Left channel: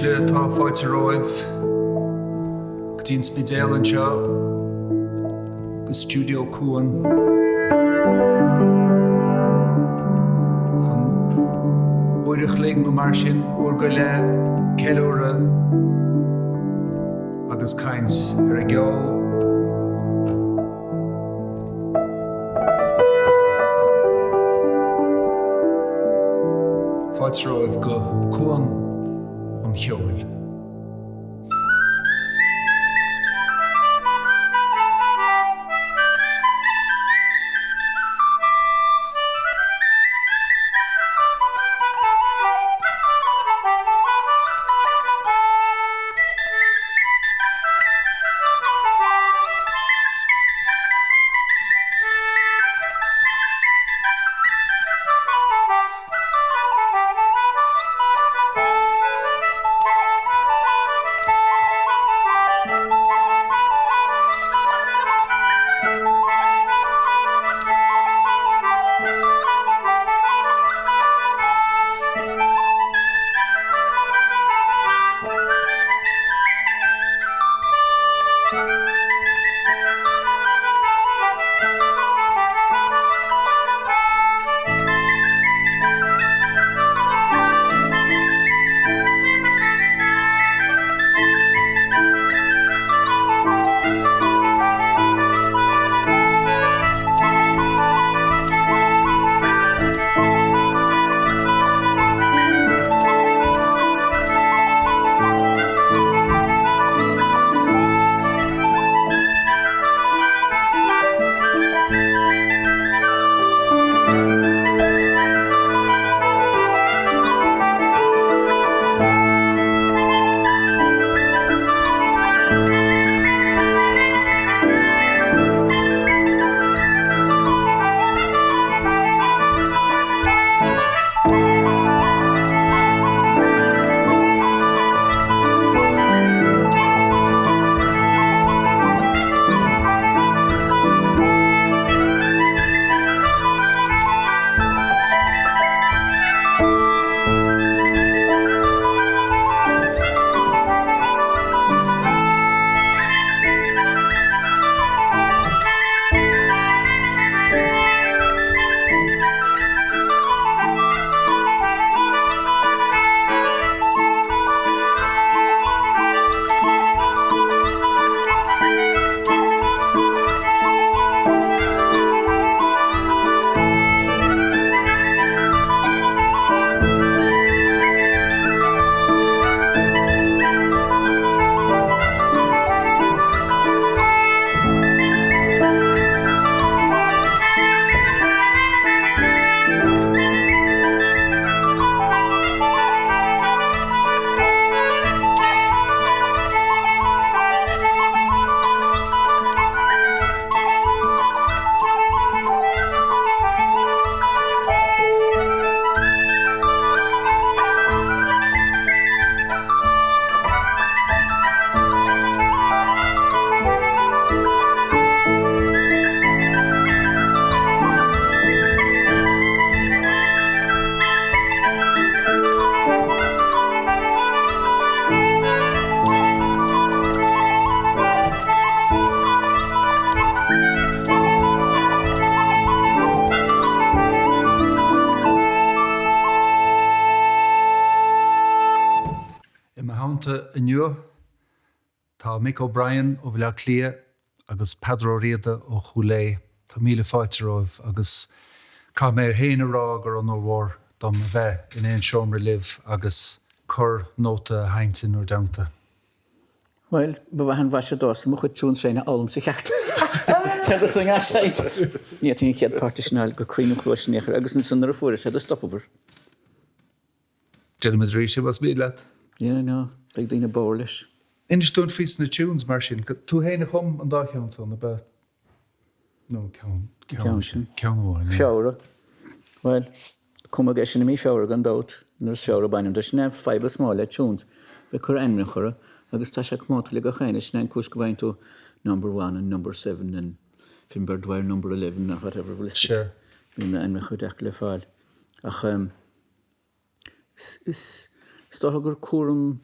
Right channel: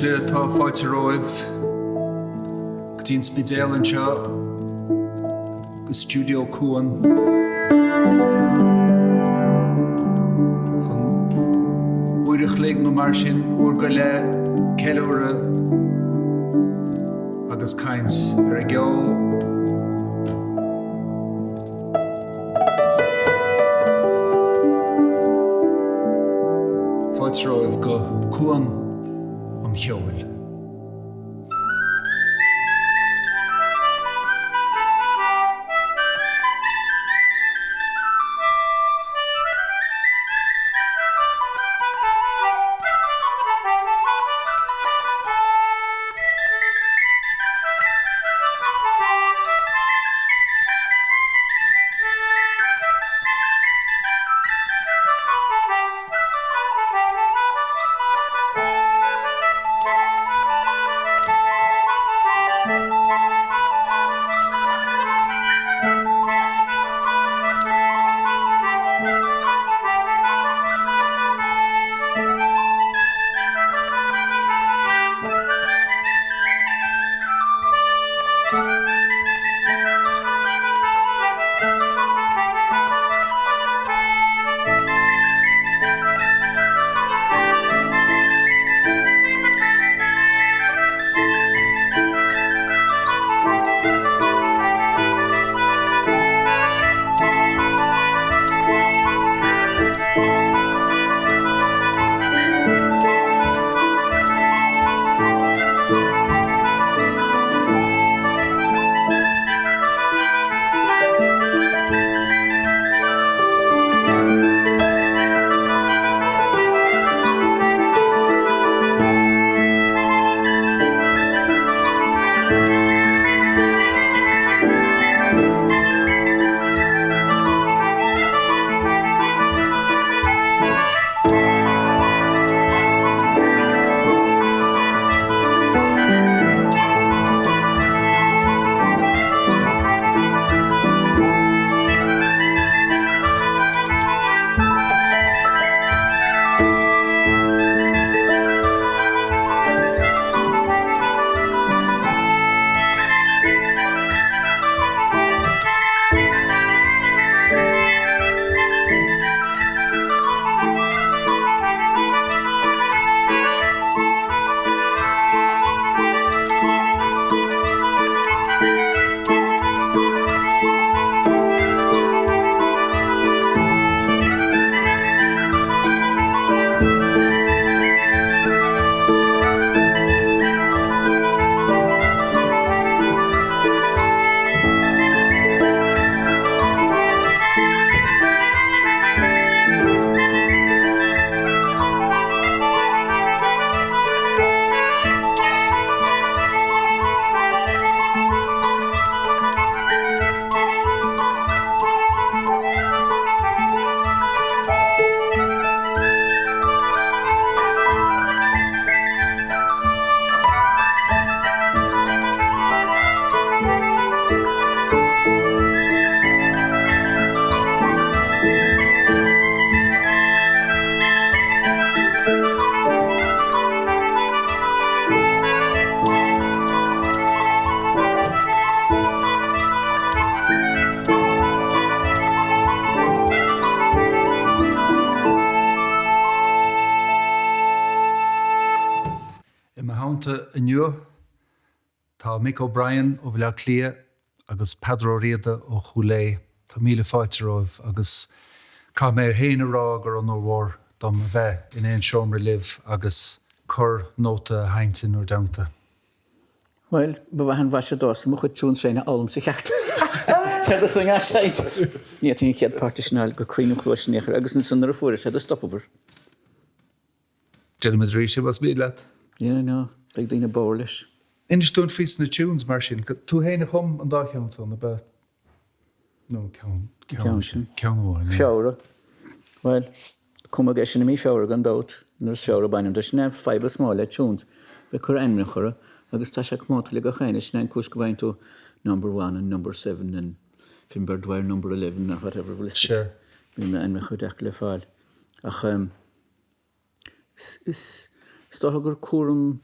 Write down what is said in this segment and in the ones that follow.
Le tá fáilte roimh go dtíon spidéal anseo go Stiúideo Cuan chun uirich léig nó mar sin uair go le ceoltóirí agus caint ar a gceol fáilte roimh go Cuan Cheoil. Mánta inniu tá Mick O'Brien ó bhile clia agus Peadar Ó Riada ó Chuileadh tá míle fáilte romh agus cá mé héana rá gur an óhór dom a bheith in éon seomra libh agus chur nóta haintin ó damta. Wel, bydda'n fasio dos, mwch o tŵn sein a olm sy'n chacht. Sef ys yng Nghasaid. Ni, ti'n chiad partisional go cryn o'n clwys ni, agus yn sy'n ar y ffwrdd, sef y stopover. Gentleman Rishi was made that. Yeah, no, big thing of Borlish. In stone feast in the tunes, Martin. Two hen home and dark hounds on the bed. No, count one. Fiora. Well, come a geshin me fiora gone out. Nurse fiora by him. There's never 5 small tunes. We could end with her. Agus tá sé cmóta le go chéine sin cúis go bhain tú number 1 and number 7 and Fimberdwire number 11 or whatever will Sure. Bhí me an me chud le fáil. Ach is gur cuaram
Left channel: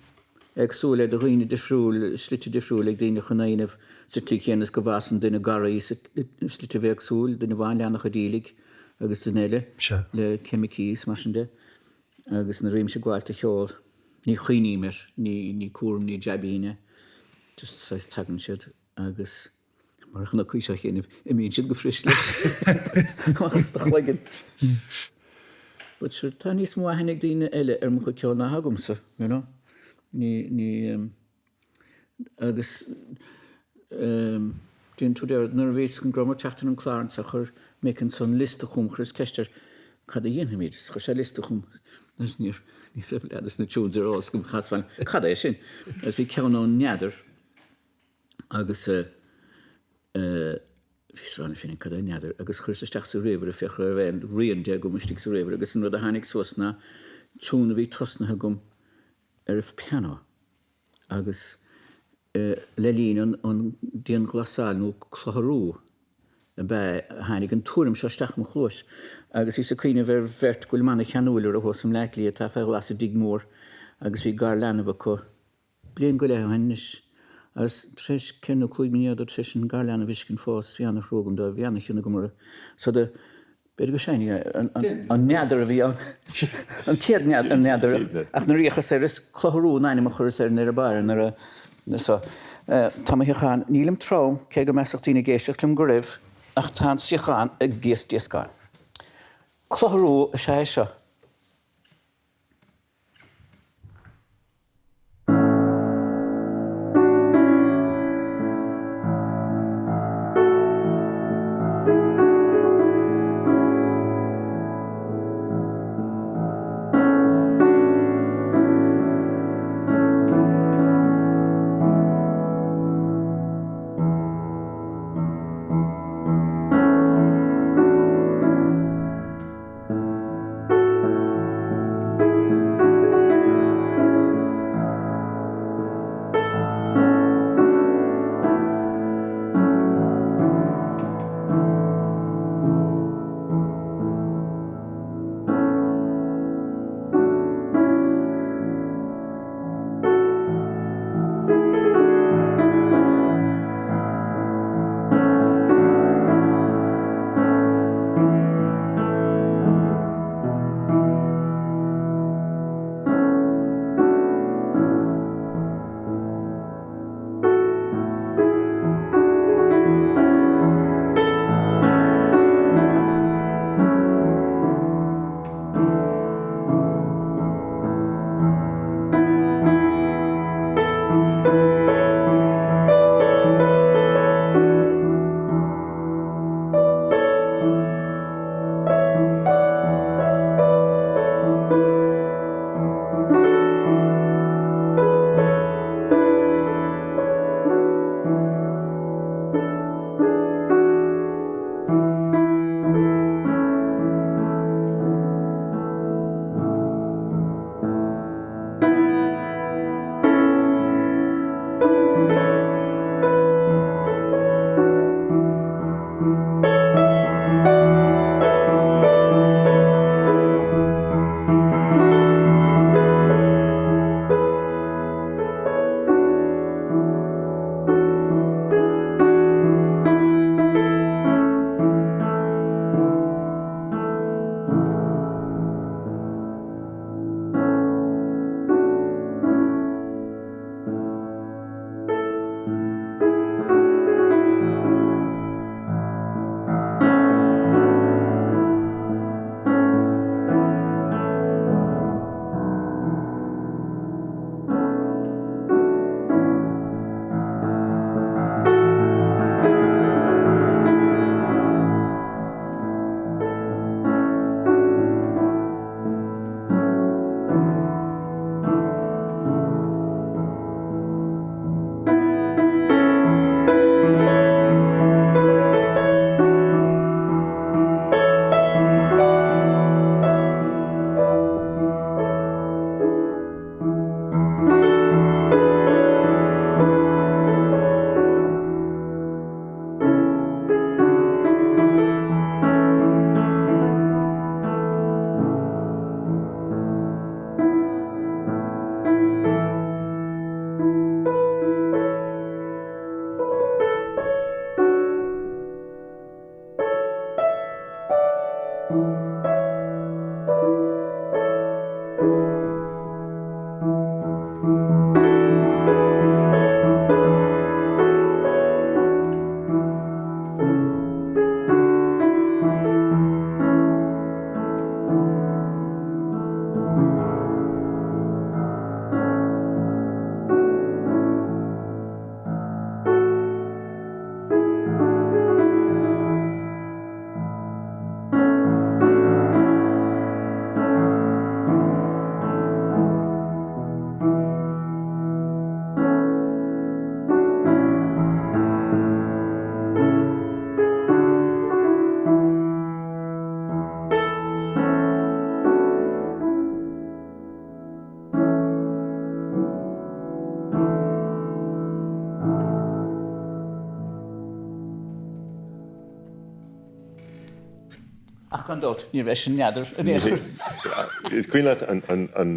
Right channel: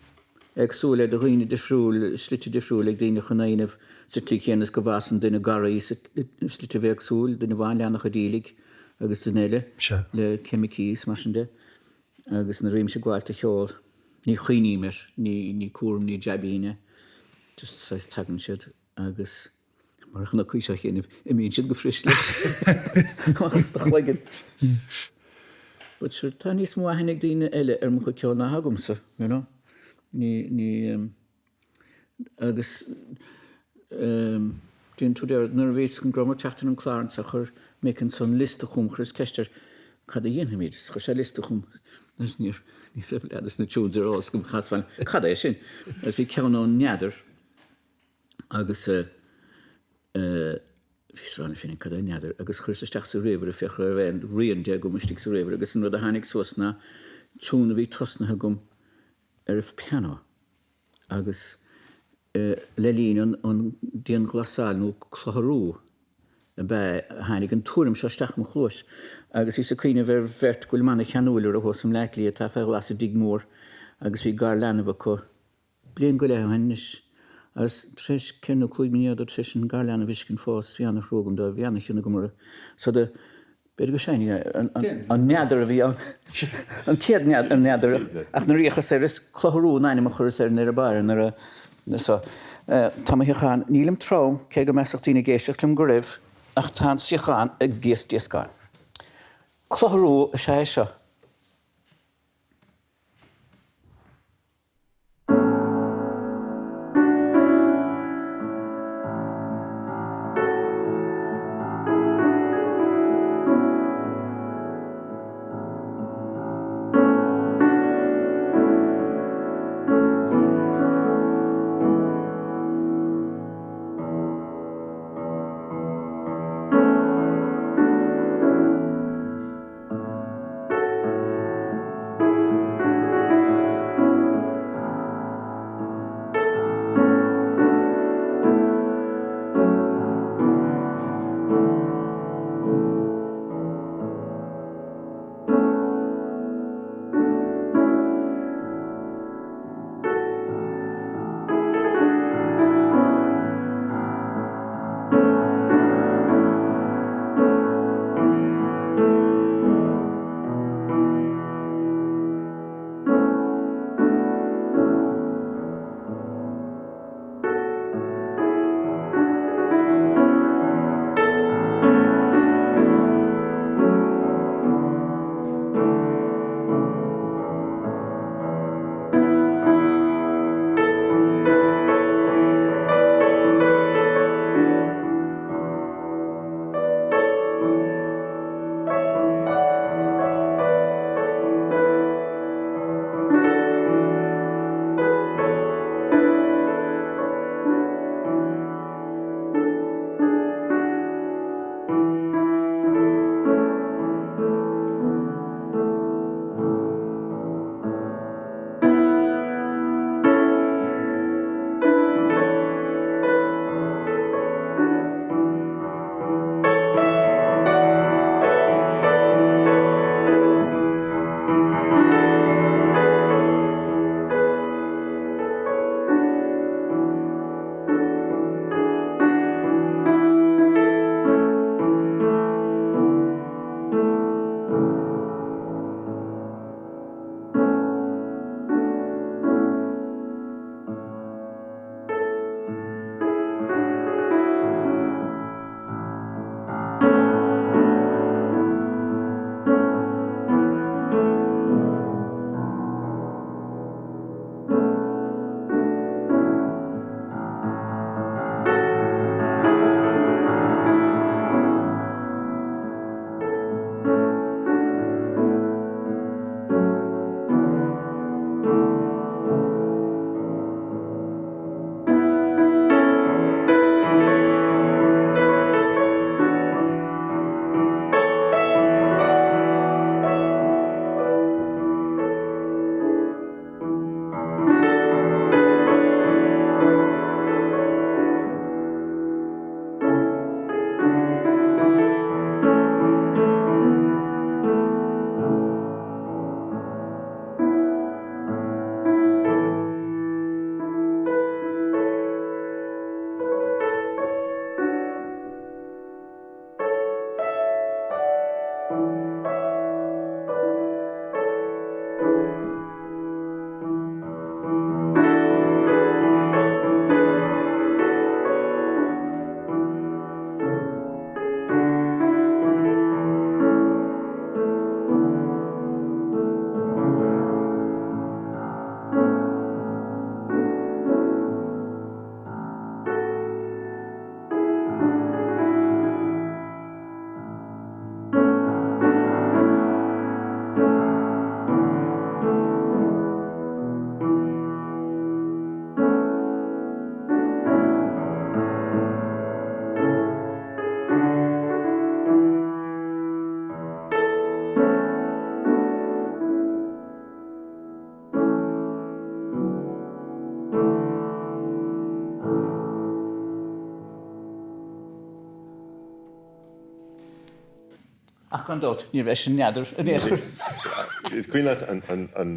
agsúla de roiine difriúil, slite difriúil ag daoine chunainmh sa tí chéanas go bhasan duine garaí slite bheith agsúil, duine bhain leanach a dílig agus dunéile Sure. le chemicís mar sin de agus na réim se gháilta cheol. Ní chuoiní mer, ní cuaram, ní jabíine, just sais tagan siad agus mar chuna cúiseach chéanamh I mín siad go fris leis. Agus do chhlaigin. But sure, tá níos mó hanig daoine eile mo chu ceol na hagamsa, you know? Ní agus dín tú déir nar bhéis an gromar teachtain an Clár sa chur mécinn son lista chum chus ceistir cad a dhéana míid, chur sé lista chum. Nes níor raibh na túúd ar ás gom chasfáin. Cad é sin. As bhí ceann ón neadar agus Fís rána fin cad a neadar agus chur sa steach sa réomhar a fechar ar bhéin rion de go muistigh sa réomhar agus an rud a hanig suasna túna bhí tosnathe gom ar piano agus le líon an díon glasáil nó chlotharú a bheith hanig an túrim seo steach mo chlós agus hí sa cuine bhar bheirt goil manna cheanúlar a hosam leiclí a tá feith las a dig mór agus hí gar leanamh có blion go le hanis as treis cenne chuig míad a treis an gar leanamh iscin fós bhíanna chrógam do bhíanna chiúna go mar so de beidir go séine an neadar a bhí an céad neadar ach na riachas ar is chlotharú naine a chur ar nar a bar nar a so tá hiáin nílim trám cé go meachtaína géiseach lim go raibh ach tá siáin ag gcéas díoscáin. Chlotharú a sé seo. Ach an dot, ní bheith sin neadar. Is cuiine an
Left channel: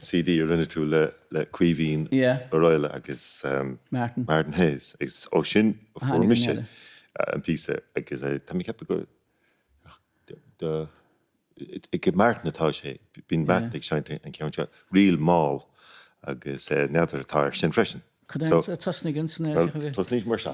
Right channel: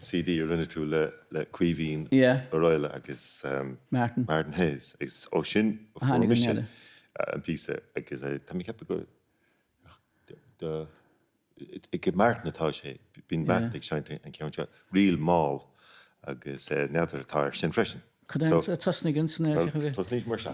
CD ar rinne tú le cuihín ó roiile agus Martin Hayes. Is ó sin ó mis an písa agus tá mí cepa go I go Martin atá sé, bín Martin ag seinte an ceann rial máil agus neadar atá sin freisin. Cadán tasnigin sanna Tás níos mar se.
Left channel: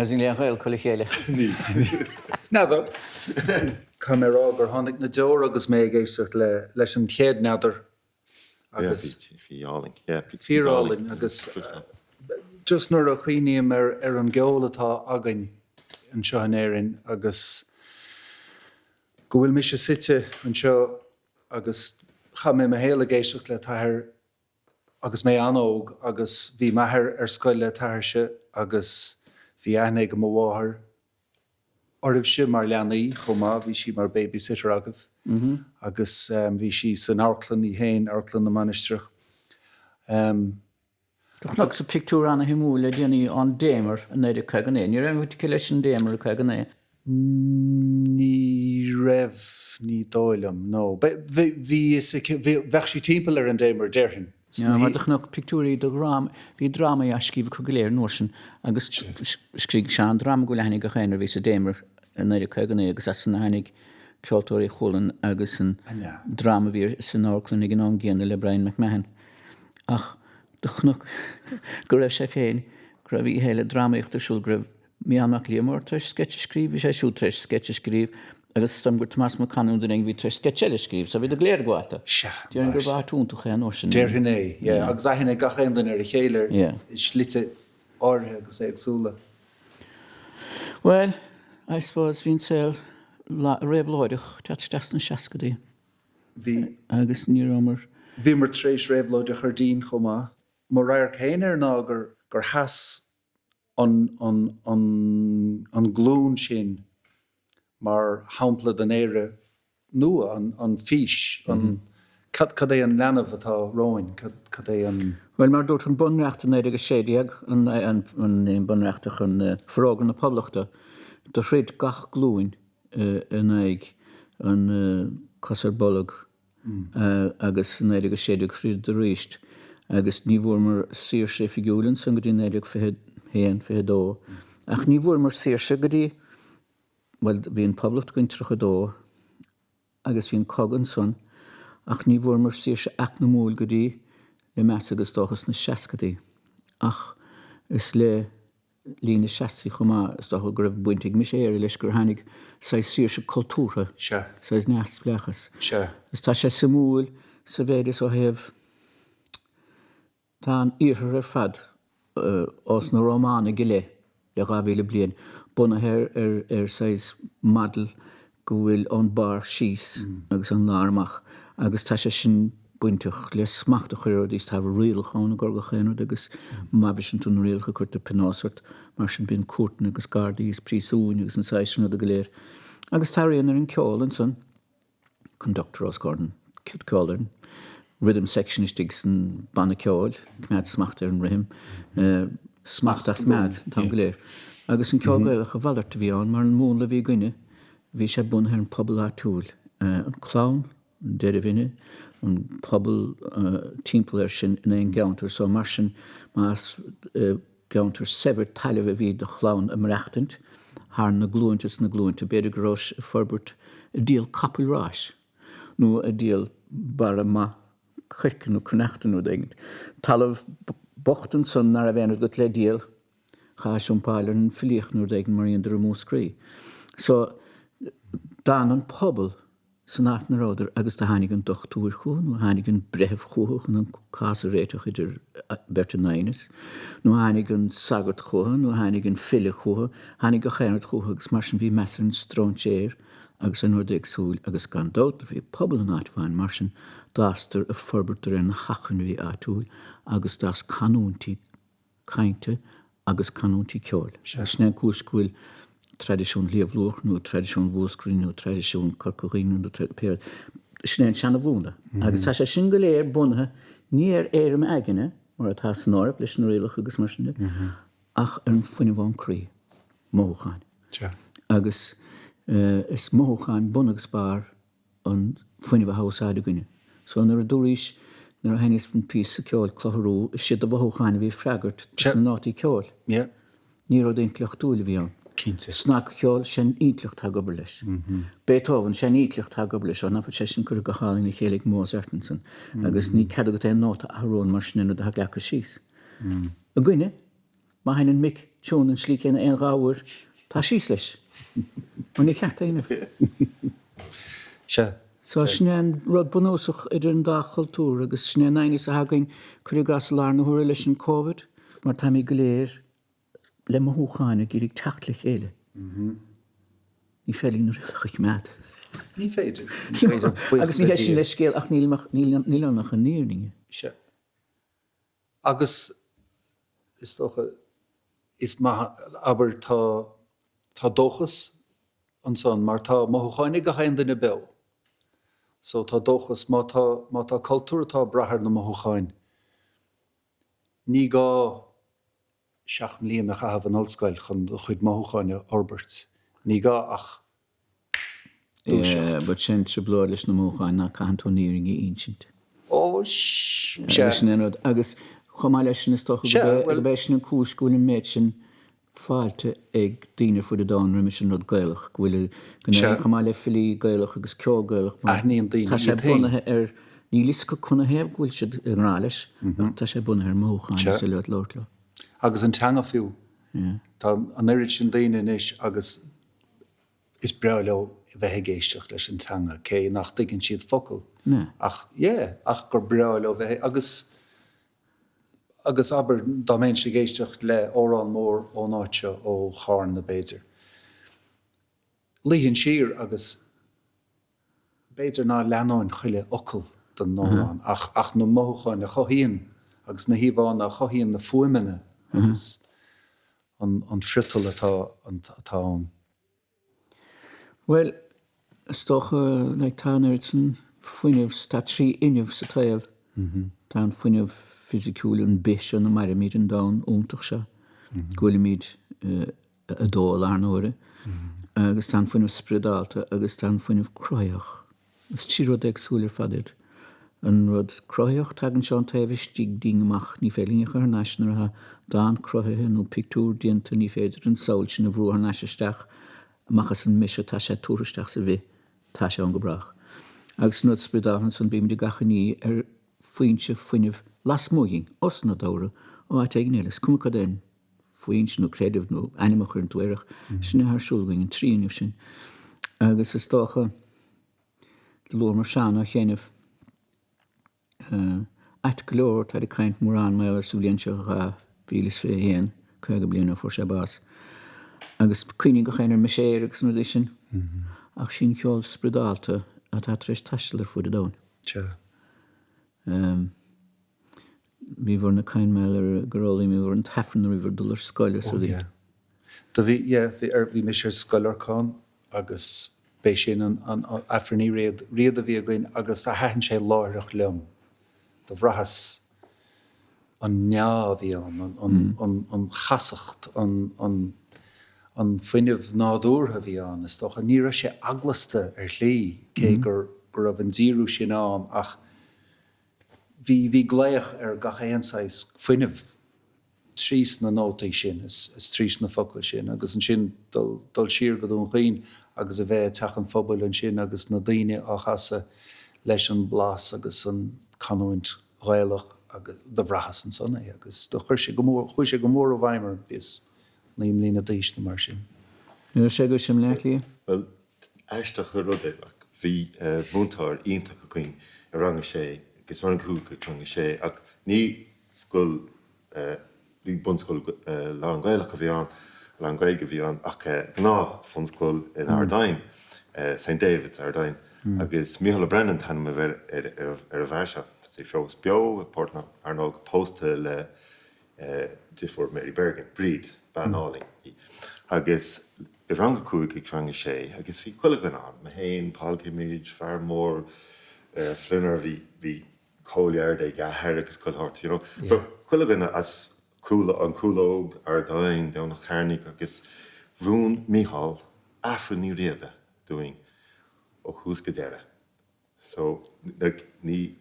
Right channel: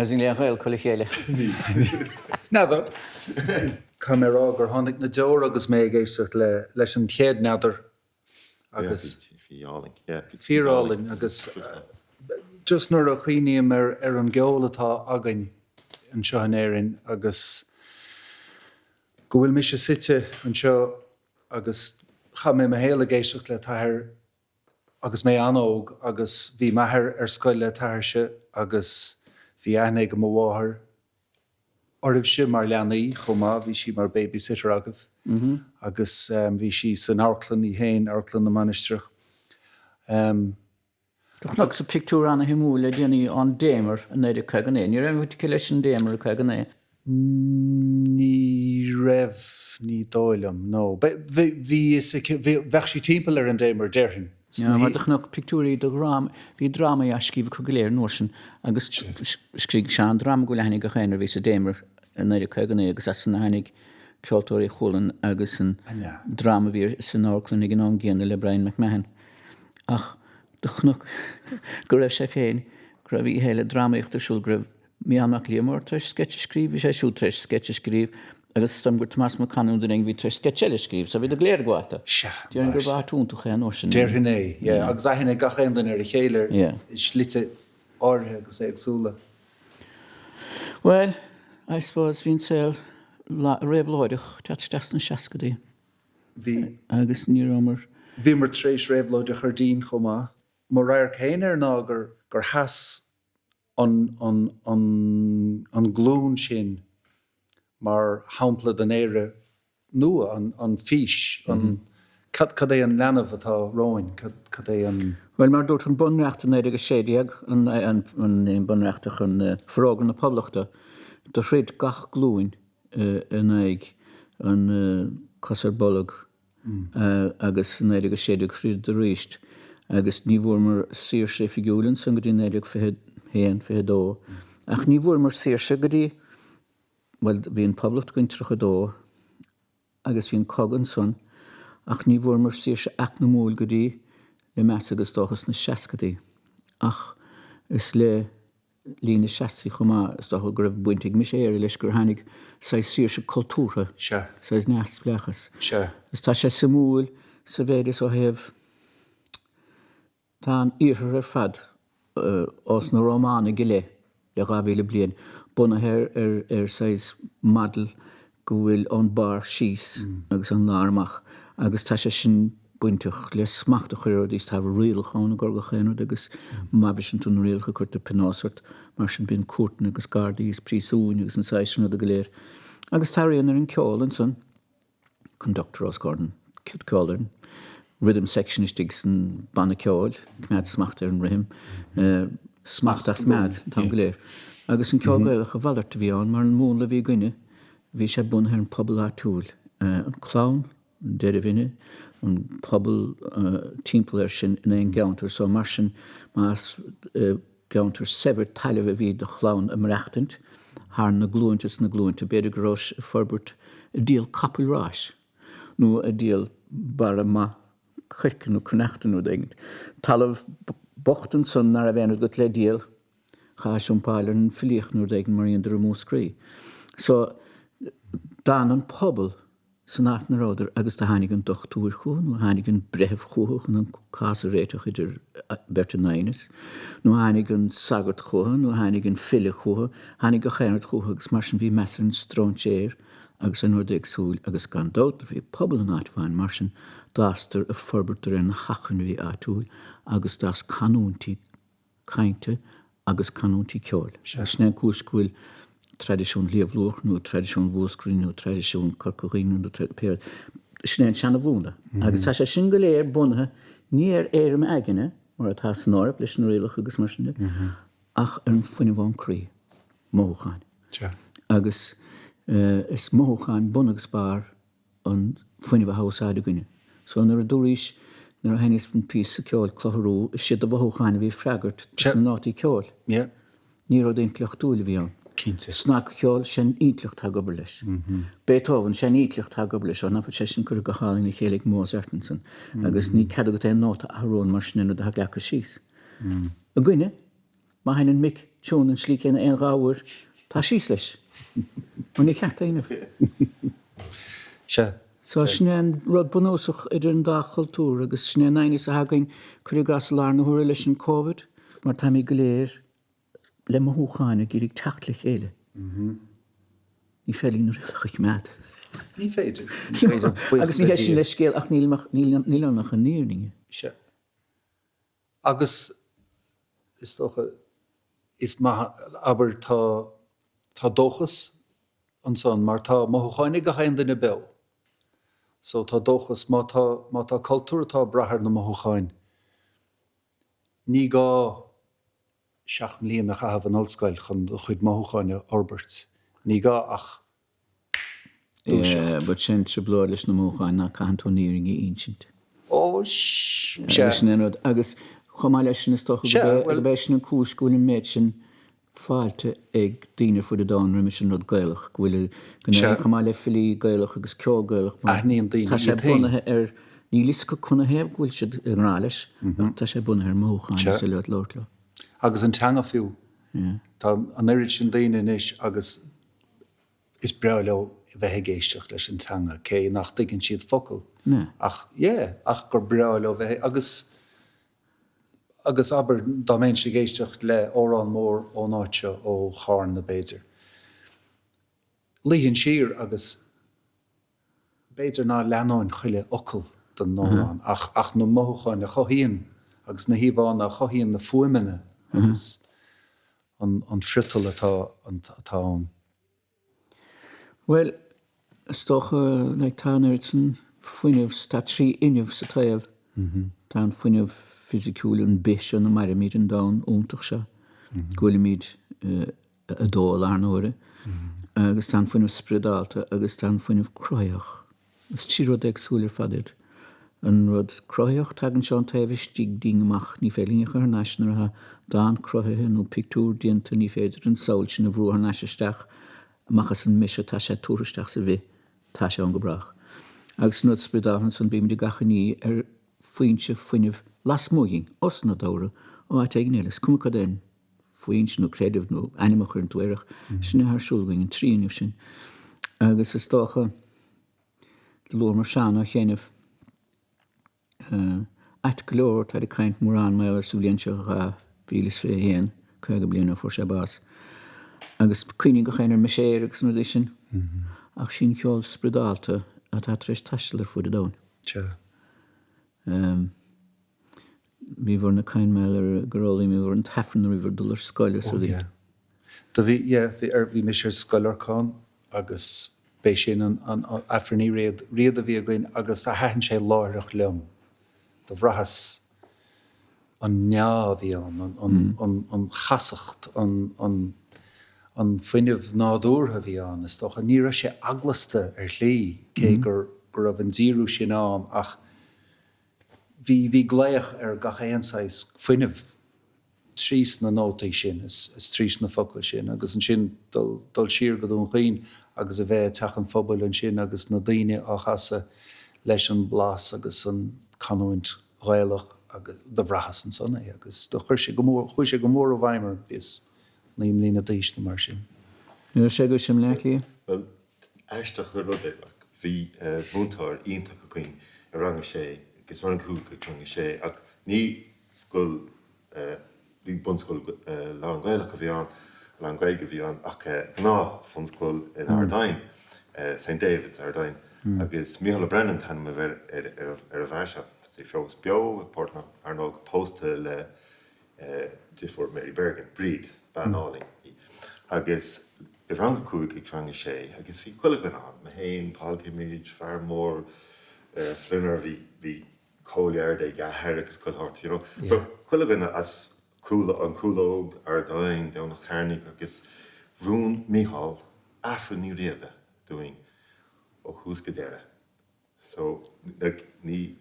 As in Léiriú Craolacháin. Neadar. Camera gur tháinig na deor agus mé géisteach leis an chéad neadar agus fiáling agus just nuair a chuoiníam ar an geol atá againn an seo an éireann agus go bhfuil mi sé site an seo agus cha mé héile géisteach le tathir agus mé anóg agus bhí maithir ar scoil le tathirse agus bhí aithne go mháthir oribh si mar leanaí chomá bhí si mar babysitter agah agus bhí si san áirclann í héin áirclann na manisteach. Doch sa pictúr anna himú le déanaí an démar an éidir chugan é. Ní raibh bhí leis an démar chugan é. Ní raibh ní dóilm, nó. Bhí bheith sí timpeall ar an démar deirhin. Mar nach pictúrí do gram, hí drama a scíbh chu go léir nósin agus scríg seán drama go lehannig go chéinar bhí sa démar an éidir chugan é agus as san hanig ceoltóirí cholann agus an drama bhí san áirclann ag an géana le Brian McMahon. Ach, dochnach go raibh sé féin, go raibh í héile dramaíochtarsúil go raibh mianach Liam treis sketch scríb, sé siú treis sketch scríb, agus stam gur Tomás McCann ag bhí treis sketchile scríb, sa bhí a gléir goáta. Díar gur bhá túntacha an orsin. Deirhin é, agus aithne gachéandan ar a chéilir is slite áthe agus éagsúla. Well, I suppose bhín saoil réabhlóideach teasteach na seacadaí. Agus ní romar. Bhí mar tréis réabhlóideach ar dín chomá. Mar rair chéine ná gur has an glún sin mar hampla den éire nua an fís an cad é an leanamh atá roin cad é an Well mar dúirt an bunreacht an éidir séideag an bunreachtach an frágan na poblachta do réad gach glúin in éig an cosar bollag agus an éidir séideag chríd de ríist agus ní bhfuair mar saoirse figiúlann san go dtí éideag fiche dó ach ní bhfuair mar saoirse go dtí well bhíon poblacht goin trocha dó agus bhíon cogan son ach ní bhfuair mar saoirse ach na múl go dtí le meas agus dóchas na seacadaí ach is le lína seaí chumá is dócha go raibh buintigh mis éir leis gur tháinig sa saoirse cultúra sa neas blechas is tá sé sa múl sa bhéidir ó thaobh tá an iarthar ar fad os na Rómána go le gabhíle bliain bunathe ar sais madal go bhfuil an bar síos agus an lármach agus tá sé sin buintach le smachta chuir dís tá rialcháin gur go chéanú agus mabhaisint an rialcha chuirta pinásart mar sin bin cuairtain agus gardaíos prísúin agus an saisina a go léir. Agus tá réanar an ceol an son conductor os garden kid ceolin rhythm sectionistig san banna ceol cmead smachta ar an rihim smachtach mead tá go léir. Agus an ceol gaelach a bhallart bhí an mar an mónla bhí gine bhí sé bunathe an pobl átúil an clown an deidir vinne an pobl timppla sin in éon geantar so mar sin más geantar sever taileh a bhí de chlán am reachtant haar na glúinte beidir gros forbert a díal capúrás nó a díal bara ma chuicin nó connechtan nó dagin talamh bochtan son nar a bhéanú go le díal chaisiún páilir an filioch nó dagin mar ionidir a múscrí. So dan an pobl san áit na ráidir agus tá tháinig an dochtúir chuan nó tháinig an brethh chuach an casa réiteach idir bertanáinis nó tháinig an sagart chuan nó tháinig an fille chuha tháinig go chéanart chuha agus mar sin bhí measar an stróntéir agus an nuair súil agus gan dótar bhí pobl an áitbhain mar sin dástar a forbartar an hachan bhí átúil agus dás canúntí cainte agus canúntí ceol. Sné cúscúil tradiisiún líomhlúch nó tradiisiún bhúscrín nó tradiisiún corcorín nó tradiisiún snéan seanna bhúna. Agus tá sé sin go léir bunathe níor éirim aigine mar atá san árap leis an réalach agus mar sinne ach an fuinine bháin crí mócháin. Agus is mócháin bunagus bar an fuinine bh hásáide gine. So nar a dúrís nar a henis an pí sa ceol clotharú is siad a bhócháin a bhí freagart san nátí ceol. Ní rud éon cleochtúil bhí an. Snack ceol sin ídlicht tá gobar leis. Beethoven sin ídlicht tá gobar leis an nafa sé sin cur go hálainn na chéalaigh Mozartson agus ní cad go é nóta ahrón mar sin a lecha síos. A gcuine má hainn Mick tún an slí chéna aon ráhar tá síos leis. An ní ceart aonmh. So snéan rud bunúsach idir an dá chultúr agus sné naoine a hagainn chuir gas lár na thuair leis an COVID mar tá mí go léir le mothúcháine gírig techt le chéile. Ní félín nó réalach mead. Ní féidir. Agus ní héis sin le scéal ach níl annach an níorninge. Agus is tócha is aber tá dóchas an son mar tá mothúcháine go hain duna beo. So tá dóchas má tá cultúr tá brathar na mothúcháin. Ní gá seach mbliana a chahabh an ollscoil chun chuid mothúcháine Orbert. Ní gá ach but sin se blóir leis na mothúcháin ná cantóníring í insint. Agus chomá leis sin is tócha go béis sin an cúscúil an méid sin fáilte ag daoine fuair dáin ri sin rud gaelach bhfuil chomá le filí gaelach agus ceol gaelach tá sé bunathe ar ní lisca chuna héamh bhfuil siad an rá leis tá sé bunathe ar mothúcháin sa leat láirlá. Agus an teanga fiú. Tá an éiri sin daine inis agus is breá bheith géisteach leis an teanga cé nach dtuigeann siad focail. Ach gur breá bheith agus aber dá mén sé géisteach le órán mór ó náite ó cháin na béidir. líonn siar agus beidir ná leanáin chuile ocail don nóán ach nó mócháin na chohíonn agus na híomháin a chohíonn na fuaimine agus an frital atá an. Well, stocha like tá san fuineh tá trí inmh sa taobh. Tá an fuineh fisiciúil an bis an na marimid an dán úntaach se. Ghuilimid a dóil ar nóire. Agus tá fuineh spredálta agus tá fuineh croiach. Is tíród agsúil fadid. An rud croiach tagan seán taobh stíg dingamach ní félinge ar naisnar ha dá croithe nó pictúr dienta ní féidir an saoil sin a bhrú ar naisisteach machchas an mise tá sé túristeach sa bhí tá sé an gobrach. Agus nó spredáhan san bíim de gachaní ar fuinse fuineh lasmóing os na dára ó áit agnélas cumcha den fuinse nó créidih nó animach ar an tuairech sinna haar siúlgaing an tríanamh sin. Agus is stácha de lór mar seanna chéanamh ait glór tá caint mórán mé ar súlíonse a bílas fé héan chuige blianana for sé bás. Agus cuoine go chéinar me séir agus nó sin ach sin ceol spredálta a tá treéis taistelar fu a dáin. Bhí bhar na cain mé ar gorálaí mí bhar an tefran a bhar dul ar scoile sa dí. Da bhí me sé Scoileachán agus bé sin an afraní riad a bhí againn agus a haann sé láireach leom. Da bhrachas an neá bhí an chasacht an fuineh nádúrtha bhí an is doch a ní raibh sé aglasta ar lí cé gur raibh an díú sin an ach bhí gléach ar gachéanáis fuineh trís na nótaí sin is trís na focail sin agus an sin dul siar go dún chuoin agus a bheith techan phobal an sin agus na daoine á chasa leis an blas agus an canúint ghailech agus do bhrachas an sanna agus do chuir sé go mór ó bhaimar bhís na imlína díos na mar sin. Nu sé go sem leichlí? Well, eisteach go rud bhí búntáir ionach go chuin a ranga sé gus ran cúg go chunga sé ach ní scoil bhí bunscoil lá an Gaelach a bhí an lá an Gaeilge bhí an ach gná fan scoil in Ardain St. David's Ardain agus Mick O'Brien tanm a bheit ar a bhairse sé fós beo pórtna ar nóg pósta le Difford Mary Bergen bríd banáling agus I ranga cúig ag ranga sé agus bhí chuile gan an ma héin pálcimid fear mór flinar bhí cóileard ag gathir agus coilthart, So chuile gan as an cúlóg Ardain down nach Charnig agus bhrún Mícheál afraní Riada doing ó hús go deire. So ní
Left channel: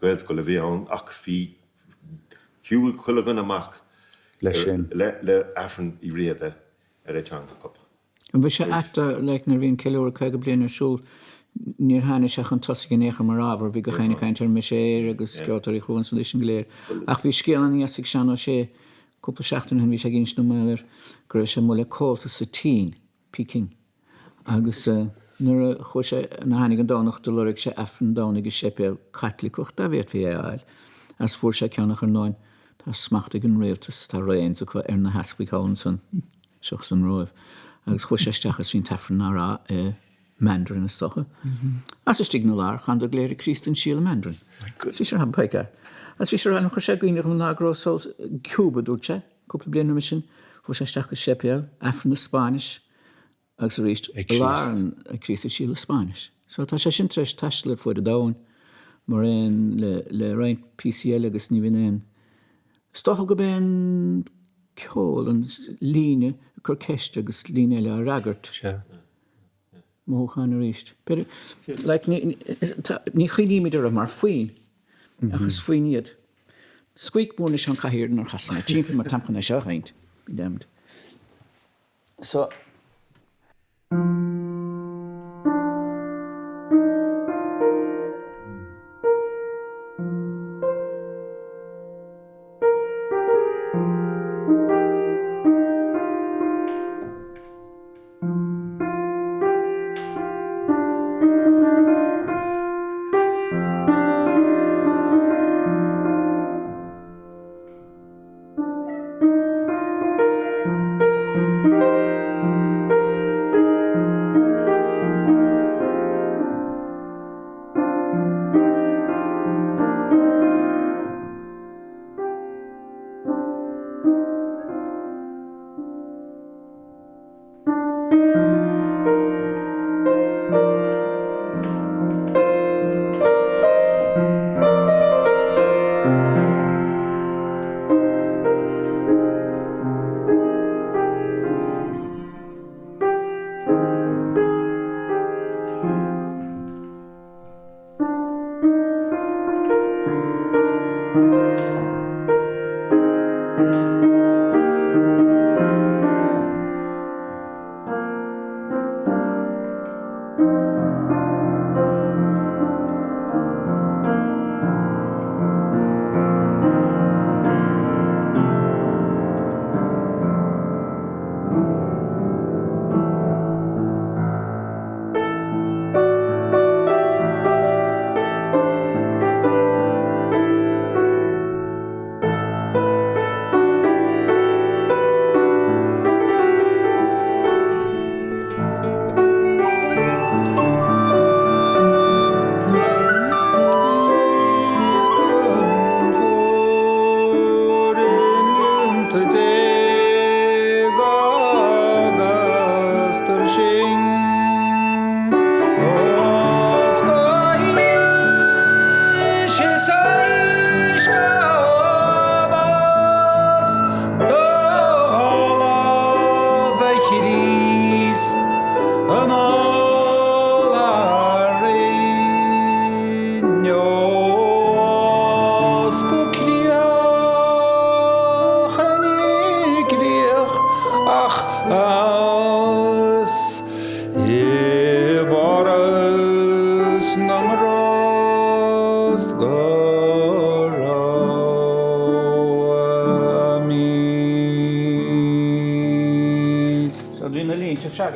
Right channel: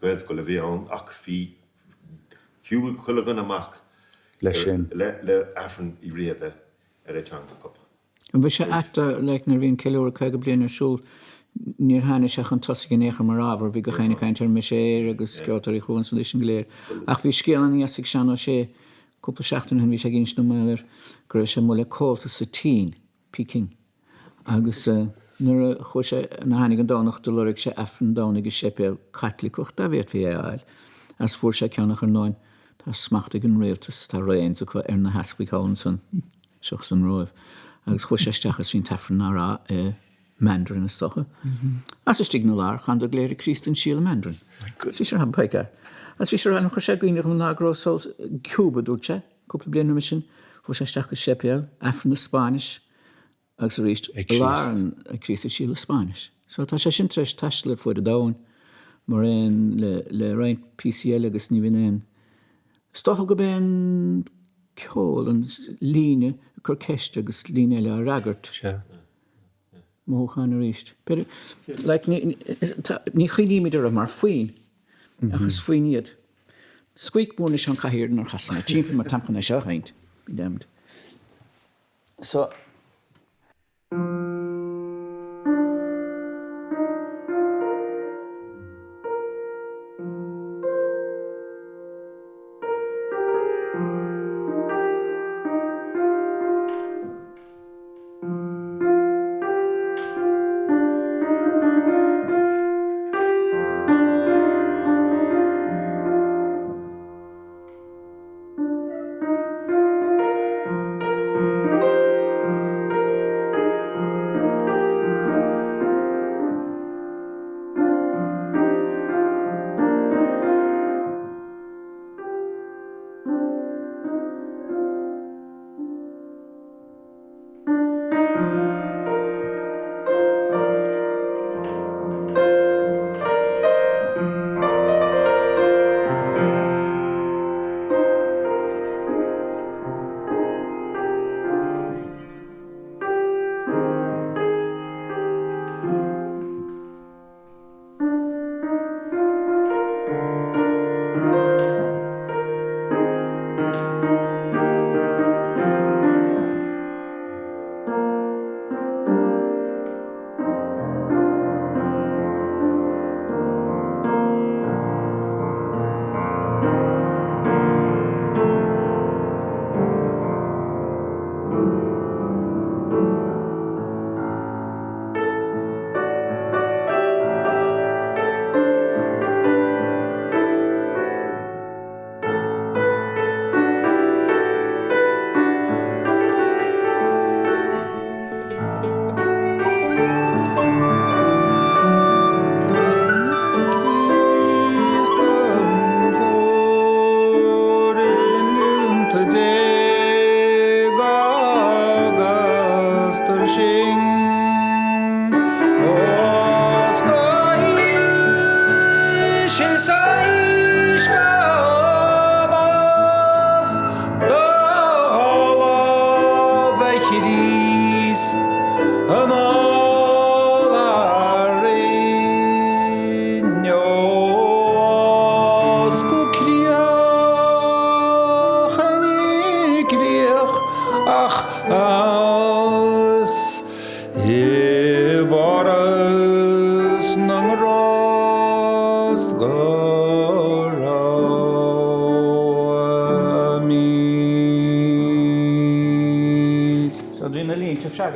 gael go le bhí an ach bhí hiúil chuile gan amach le afran I Riada ar éteanga cop. An bhí sé eata le nar bhíon ceúir chuige bliana siúil níor hána seach an tosaigh nécha mar ábhar bhí go chéine caiintear me sé agus ceoltóirí chuan san leis an gléir. Ach bhí scéalan íasig seanna sé cúpla seachtain bhí sé gins nó méir gur sé mula cóilta sa tí Peking. Agus nuair a chu sé na hánig an dánach do lurig sé efran dánig is sépéal caitlicocht a bhéad bhí éil. As fuair sé ceannach ar 9 tá smachtaigh an réaltas tá réon so chu ar na heascaigháin san seach san roimh. Agus chu sé steachas hín tefran árá Mandarin is stocha. As is stig nular gaan de gléir Christen síle Mandarin. Sí sé han peike. As vi an chu sé gwinnig an nágrosol Cuba dúse, couple blian mission, fu sé steach sepéal, afran na Spanish, agus richt lá an Christe síle Spanish. So tá sé sin tres taisler fu de dain, mar le rein PCL agus ní vin. Stocha go ben ceol an líne chur ceiste agus líne le ragart. Móchan a ríist. Pero, ní chuoiníimiidir a mar faoin, agus faoin iad. Squeak mór is an caihirir ar chasanna, tíimpe mar tampchan a seo haint, bí demd. So,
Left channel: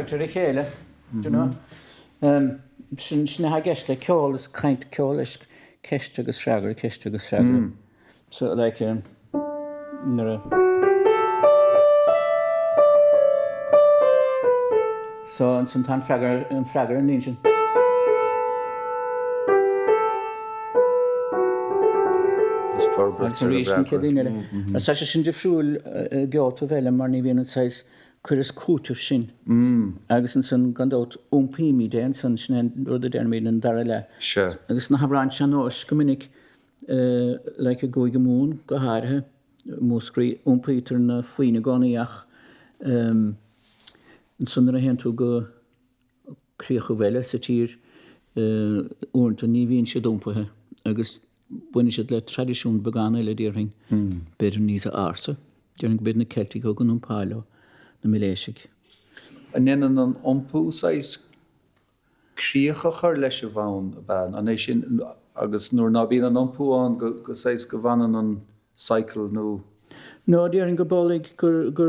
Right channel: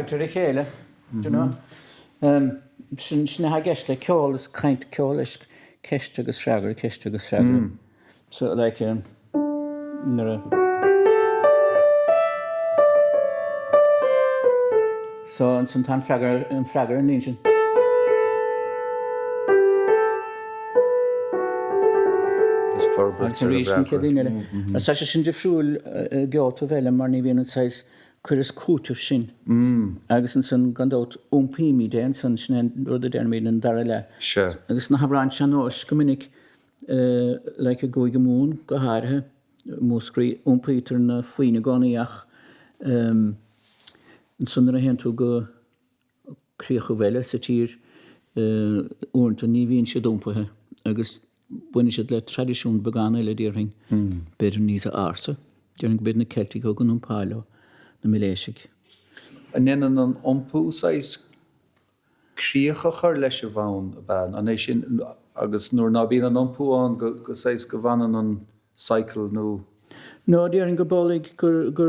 Cheoil, you know. Sinna ha gist le ceol is caint ceol is ceist agus freagar. So like so an san tan freagar an nín. It's a reason kedin. Sa sin de frúil gealt vele mar ní vín sais chuireann cútah sin. Agus an san gandát ómpíimi dé an san sin rud a dermid an dar le. Agus na habrán seanós go minic le a góig go mún go háirithe móscrí ómpítar na faoine gánaíach an san a hen tú go críocha bheile sa tír uanta ní bhíonn siad ómpathe agus buine siad le tradiisiún begána le díorthing beidir níos a arsa dearnig bid na Celtic ó gan páilo na miléisiig. An inan an ompú sais críocha chur leis a bhain a ban an é sin agus nuair ná bíon an ompú an go sais go bhanan an cycle nó. No, dearnig go bólig gur go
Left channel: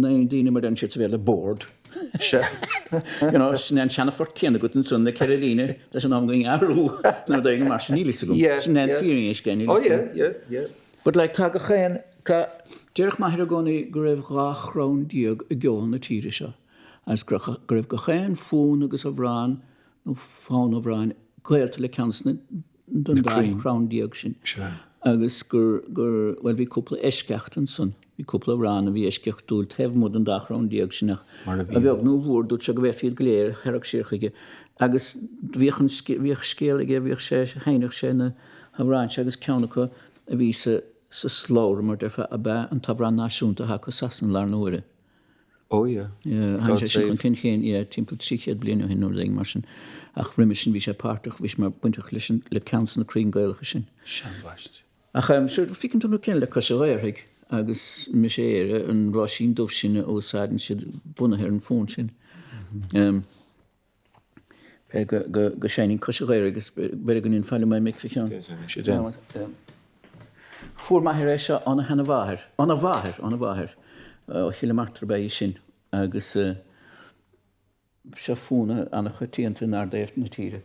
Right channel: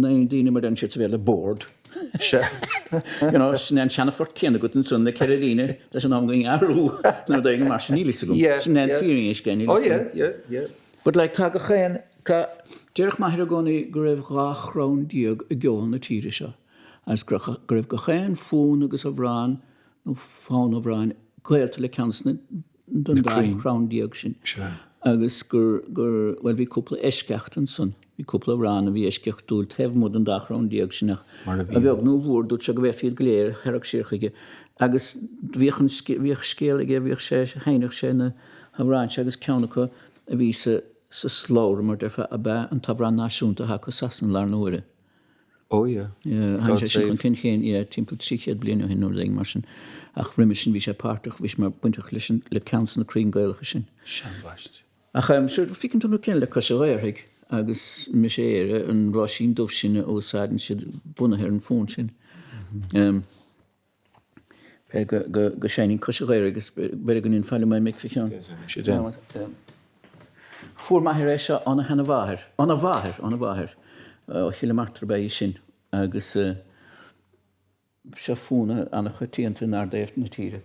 naon daoine mar an siad sa bhéile a board. You know, snan seanna fort céanna go an sun na Ceirlíne leis an am going arú nar d mar sin nílis go. Snan fíring is gan. Oh yeah. But like tá go chéan tá dearch maithir a gcónaí go raibh gá chrán díag a gceoil na tíre seo. As go raibh go chéan fún agus a bhráin nó fáin a bhráin gaelta le ceansna don dáin chrán díag sin. Agus gur bhfuil bhí cúpla eisceacht an sun. Bhí cúpla bhráin a bhí eisceacht dúil taobh mód an dá chrán díag sinach. A bheag nó bhór dút se go bheith fiad gléir hearach síorchaige. Agus bhíoch scéal ige bhíoch sé hainach sé na bhráin se agus ceannacha a bhí sa slóir mar defa a bheith an tabhrán náisiúnta ha go sasan lár nóire. Oh yeah. Han sé sin cin chéin timppla 3 bliana hin nóir mar sin ach riimi sin bhí sé páirteach bhís mar buintach le ceansan na crín gailcha sin. Seanbhaist. Ach siúr ficinn tú cin le cos a réirigh agus mi sé éire an rá sin dómh sinna ósáidan siad bunathe an fón sin. Go séinin cos a réir agus beidir go níon fáile mai Mick fián. Fuair maithir é seo anna hena bháthir. Anna bháthir. Ó chiile martar bé sin agus se fúna anna chutíanta nar déobh na tíre.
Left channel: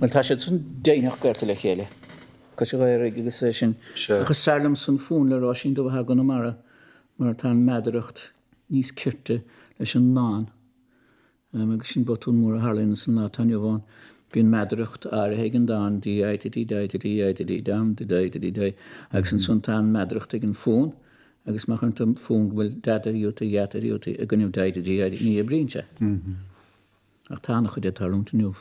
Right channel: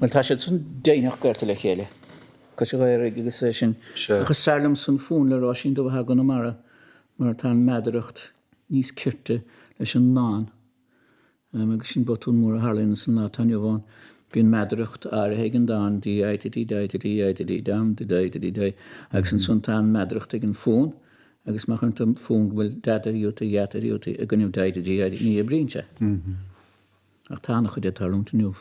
Well, tá sé san déanaach gorta le chéile. Cos gair agus sin agus salam san fún le rá sin do bheit gan mara mar tá meadaracht níos cirte leis an náin. Agus sin botún mór a Harlín san ná tainne bháin. Bhíon meadaracht ar an dáin dí agus an sun tá meadaracht ag an fún agus mar an fún bhfuil dadaíúta a gannimh ní a brínse. Ach tána chu dé tarlúnta nuh.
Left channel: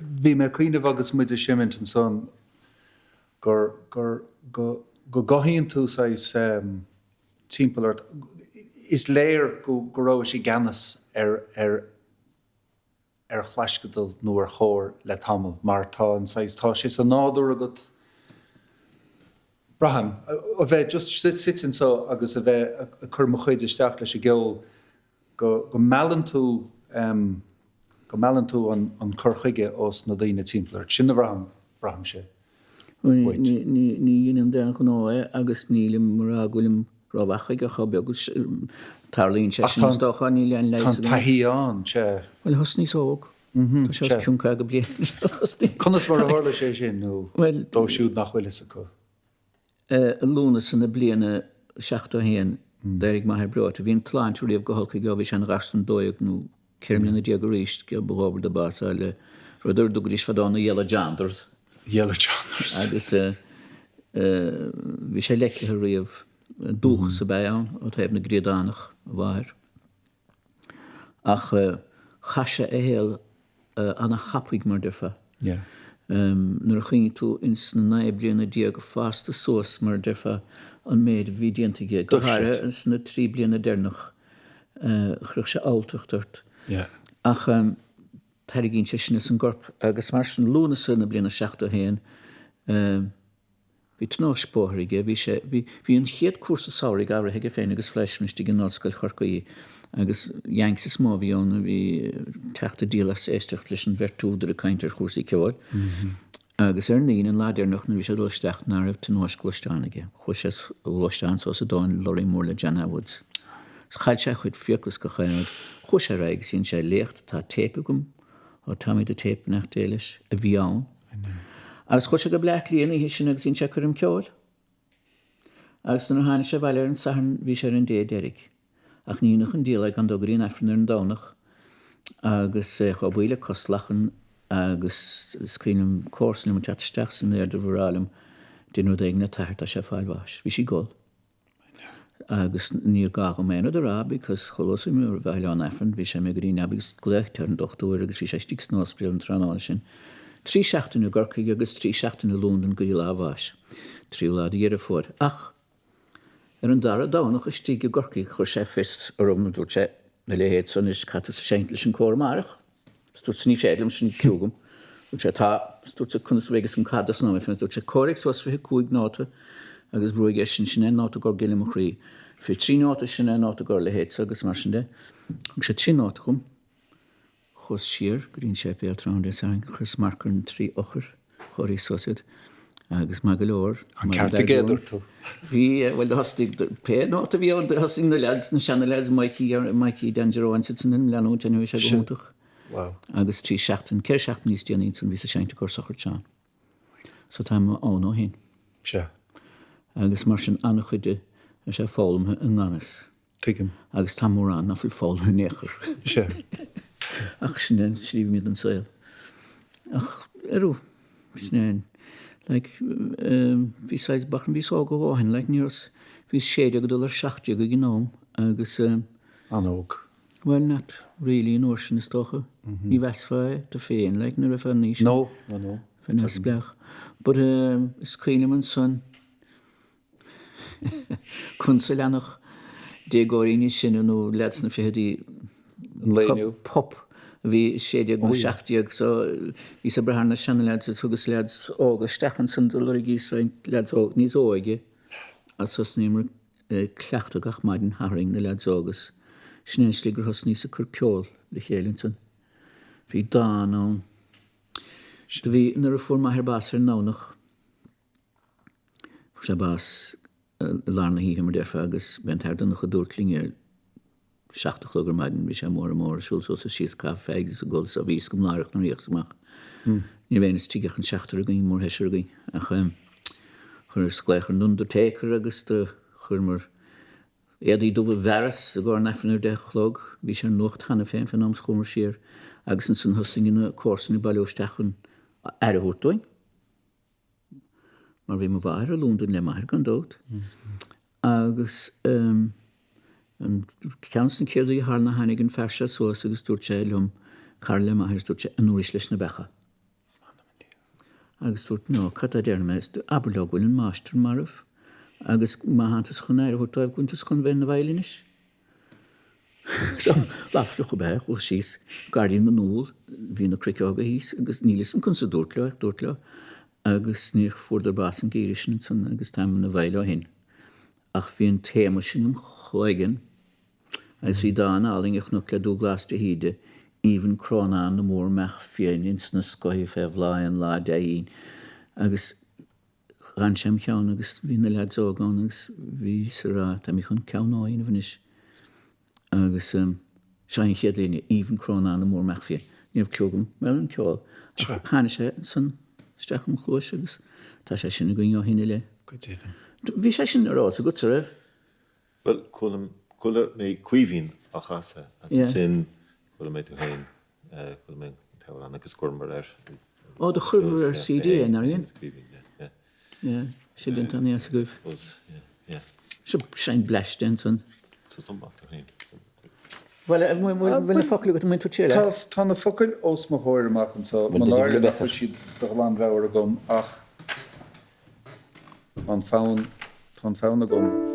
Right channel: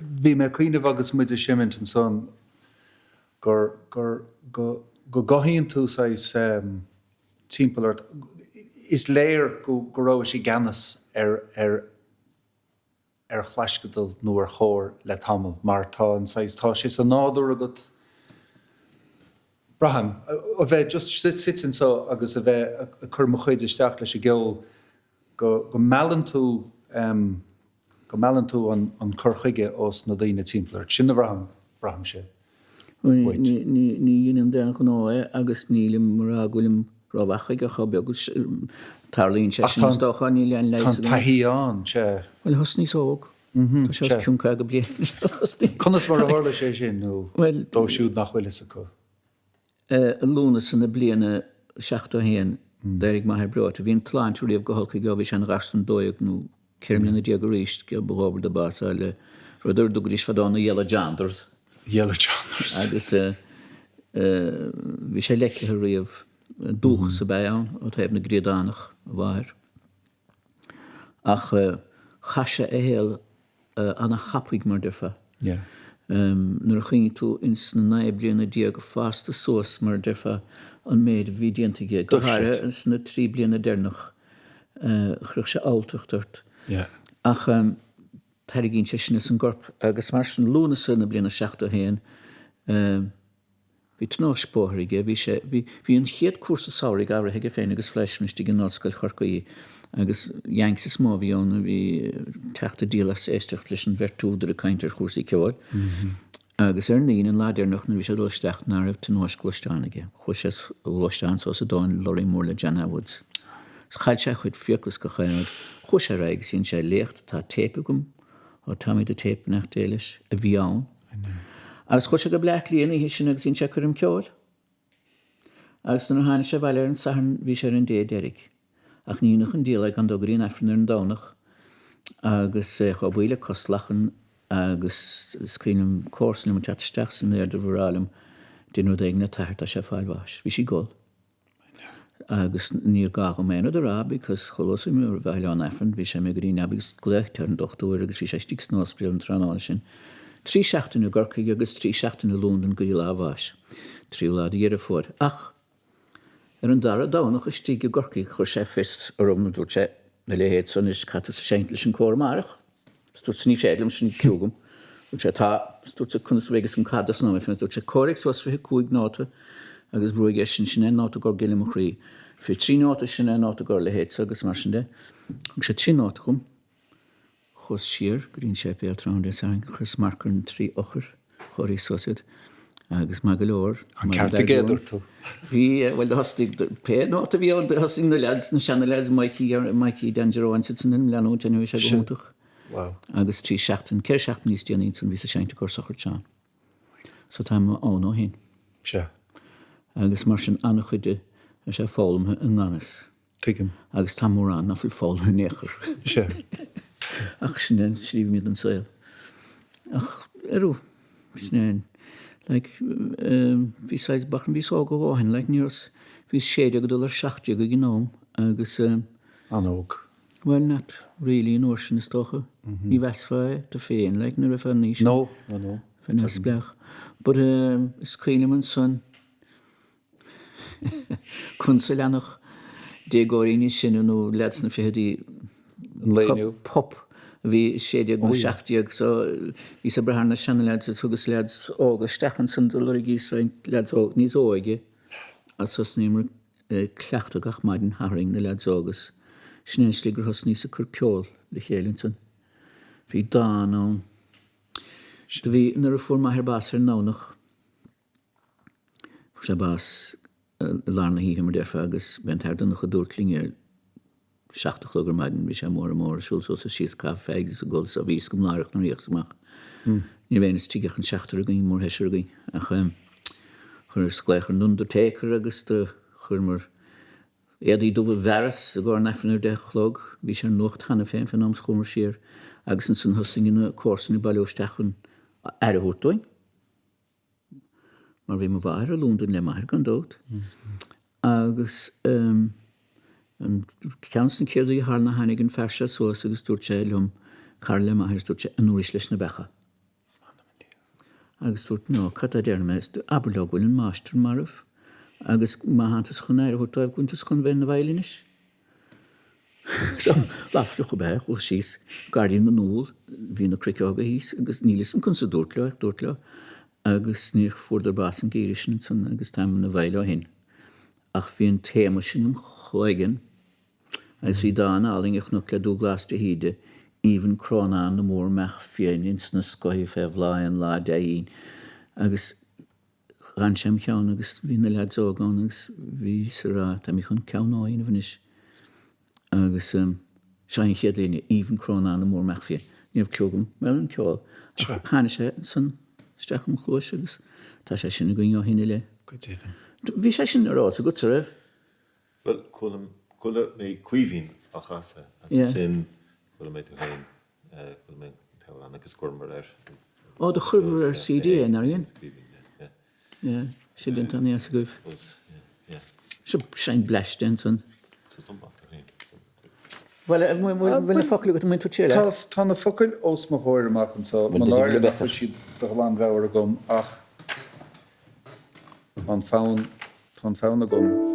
Bhí me cuioineh agus muidir siimint an son go gaithíonn tú timpeall is léir go raibh sí ganas ar chhlaiscadal nó ar chóir le tamil mar tá an tá sé san nádúr agat braham a bheith just sitin so agus a bheith a chur mo chuid isteach leis geol go meallann tú an churchuige os na dtíine timpeall sin a braham sé. Ní dhéanam den gná agus nílim mar agúlim ráhachaig a chobe agus tarlíonn sé sin stocha ní leon leis. Taíán sé. Well hos níos óg. Tá sé ciúnca go blian. Conas mar a hála sé sin nó dó siúd nach bhfuil is acu. Lúna sanna bliana 16 déirigh maithir breáit. Bhíon tláin túíomh go holcaigh bhí sé an rastan dóigh nó ceirmlíonna déag ríist go bhóbar de basa le ruidir dúgurís fadána Yellow Janders. Agus bhí sé leice riamh dúcha sa beán ó taobh na gréadánach bhair. Ach chaise a héal anna chapaigh mar defa. Nuair chuin tú ins na bliana déag fásta sós mar defa an méid bhí déantaige go háire ins na 3 bliana déirnach chruch sé álteachtart. Ach tarigín sé sin an gorp agus mar sin lúna sanna bliana 16 hí tnáispóthraige hí an chéad cuasa sáraigh áirithe féin agus fleismistí an náscail chorcaí agus jaanks is má bhíonna bhí teachta díalas éisteach leis an bhirtúdar a caiintear chusaí Cheoil. Agus níon an láidirnach na bhí sé dulsteach ná raibh tnáiscúisteánaige. Chus sé úlaisteán so a dáin Lorí mór le Jana Woods. Chail sé chuid fioclas go chéad chus sé raig sín sé lécht tá tépagum ó táid a tép nach déiles a bhí ann. Agus chus sé go bleach líana hí sin agus sín sé chum Cheoil. Agus na hána sé bhile an sahan bhí sé an déiderig. Ach níonach an díalaigh an dogurín efran ar an dánach agus cho bhuiile coslachan agus scrínim córslim an teatsteach san éir de bhrálim dinu ag na tairt a sé fáilhás. Bhí sí gol. Agus ní gá go ména de rá because cholas mé ar bheile an efran bhí sé mé gurí nebigus gléicht ar an dochtúir agus bhí sé stíigh snósbriil an tránáil sin. 3 seachtainú gorcaigh agus 3 seachtainú lúndan go lábhás. 3 lád dhéar a fór. Ach an dara dánach is tíige gorcaigh chu sé fis armna dúirt sé na léhéad san is chatta sa séint leis an cómarach. Stúirt sa ní féadlam sin ciúgam. Dúirt sé tá stúirt sa cunas vegas an cadas ná fin dúirt sé córic sos fi 5 náta agus brúig é sin náta gur gilim a chrí. Fi 3 náta sin náta gur lehéad agus mar sin de. sé 3 náta chum. Chus siar grín sé pe trán de sang chus marcar an 3 ochar choirí sosid. Agus má go leor. An ceartta géadúir tú. Bhí bhfuil hostig pe náta bhí an hosting na leads na seanna leads Mikey Dangeroin sit in leanú teanú sé gúntaach. Agus 3 seachtain ceir seachtain níos déanaí san bhí sa seinte gur sochar teán. So tá má ón ó hin. Se. Agus mar sin anna chuide a sé fálamthe an ganas. Tuigim. Agus tá mór an na fuil fálamthe néchar. Se. Ach sin sríomh míad an saoil. Ach arú, snéin. Bhí sais bachan bhí á go bháin, níos bhí séide go dul ar 60 go gnóm agus anóg. Well, not really an ocean is toch. Ní westfáid de féin, like na rafa níos. No. Fan as blech. But screenim an son. Kunsel anach de gorini sin no lets na fehdi Léiriú pop vi sédig go 60 so vi sa brahana chanelad so gus lads og stechen san de lorigis lads og nís oige. Asos nimmer clacht gach maiden haring na lads agus. Snensligur hos nís a Cheoil le Chéilinson. Vi da ná. Vi nar for ma her basar nánach. For sa bas larna hí hemmer defa agus bent her den noch a dúrtlinge seachtach lugur maidin bhí sé mór siúil so síos cá feig a ggóil sa bhís go mláireach nó ríochtach. Ní bhéananas tíigech an seachtar a gaí mór heisir gaí a chur scléchar nundertécar agus de churmar éadí dubh veras a gáir nefanir de chlog, bhí sé nucht hena féin fan amschomar siar agus an san hosing in cósan i bailóistechan ar a húrtóin. Mar bhí mo bhair a lúndan le maithir gan dót. Agus an ceanstan céir í thar na hanig an ferse sós agus dúirt sé lum Carl le maithir dúirt sé an úris leis na becha. Agus dúirt nó cad a déirmes aberlógúil an máistir marh agus má hantas chun air húrtáibh gúntas chun bhéin na bhailinis. So lafrach go beth ó síos Guardian na núl hí na cricága hís agus nílis an chun sa dúirt le agus níor fórdar bás an géirisin san agus tam na bhaile hin. Ach bhí an téma sin am chláigen agus bhí dána áling nó le dú glas de híide even crónán na mór meach féin ins na scoí feh láin lá daín agus ran sem ceann agus bhí na lead zógán agus bhí sa rá tá mí chun ceannáin a bhanis agus sein chéad líine even crónán na mór meach féin. Níomh ceogam me an ceáil. Hána sé san stecham chlóis agus tá sé sin a gine hinine le. Bhí sé sin ará a go sa raibh? Well, cúla mé cuihín a chasa sin cúla mé tú hain cúla mé teán agus gormar ar. Ó, de churmar ar CD ar aon? sé den tan as goibh. Se sein bleis den san. Well, bhfuil focail go mún tú tíile? Tá na focail os mo hóir amachchan so man áir le siad do bhán bhehar a gom ach an fán a gom.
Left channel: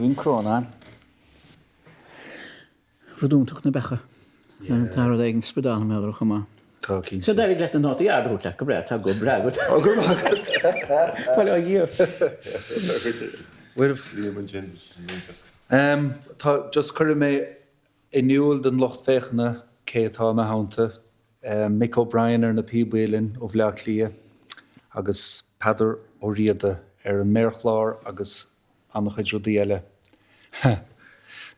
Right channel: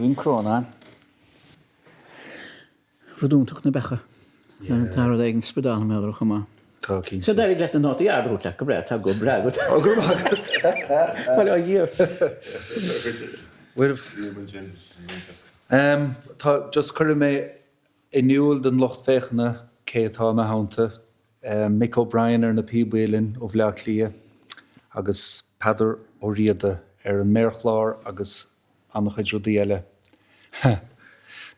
Stephen Cronan. Rodúntaach na becha. Tá éigen spedal meadar chumá. So daar ik let een not jaar goed lekker bread, go bread. Wel ja hier. Just curry me in Cheoil den locht fechne Tá me hánta Mick O'Brien na píbhélinn ó bhleá clia agus Peadar Ó Riada an Clár agus annach chuid rudaí eile.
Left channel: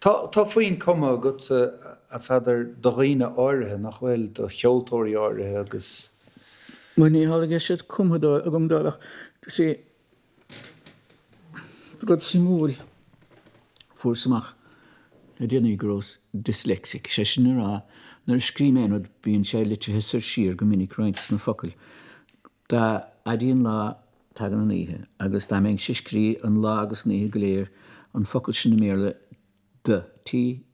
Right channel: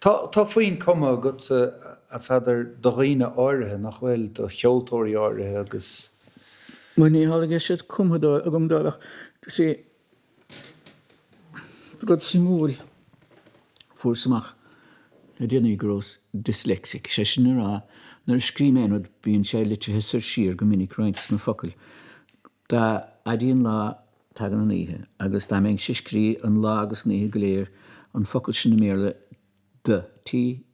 Tá faoin cuma agat a feidir do dhaoine áirithe nach bhfuil do cheoltóirí áirithe agus. Muí hálaige siad cumdó a gom dábhach sé god simúil fuairsamach na déanaí grós dyslexic sé sin rá nar scríméanad bíonn sé litir hisar siar go minic rointas na focail. Tá a dtíon lá tagan an ihe agus tá méid siscrí an lá agus níthe go léir an focail sin na méle de T-H-E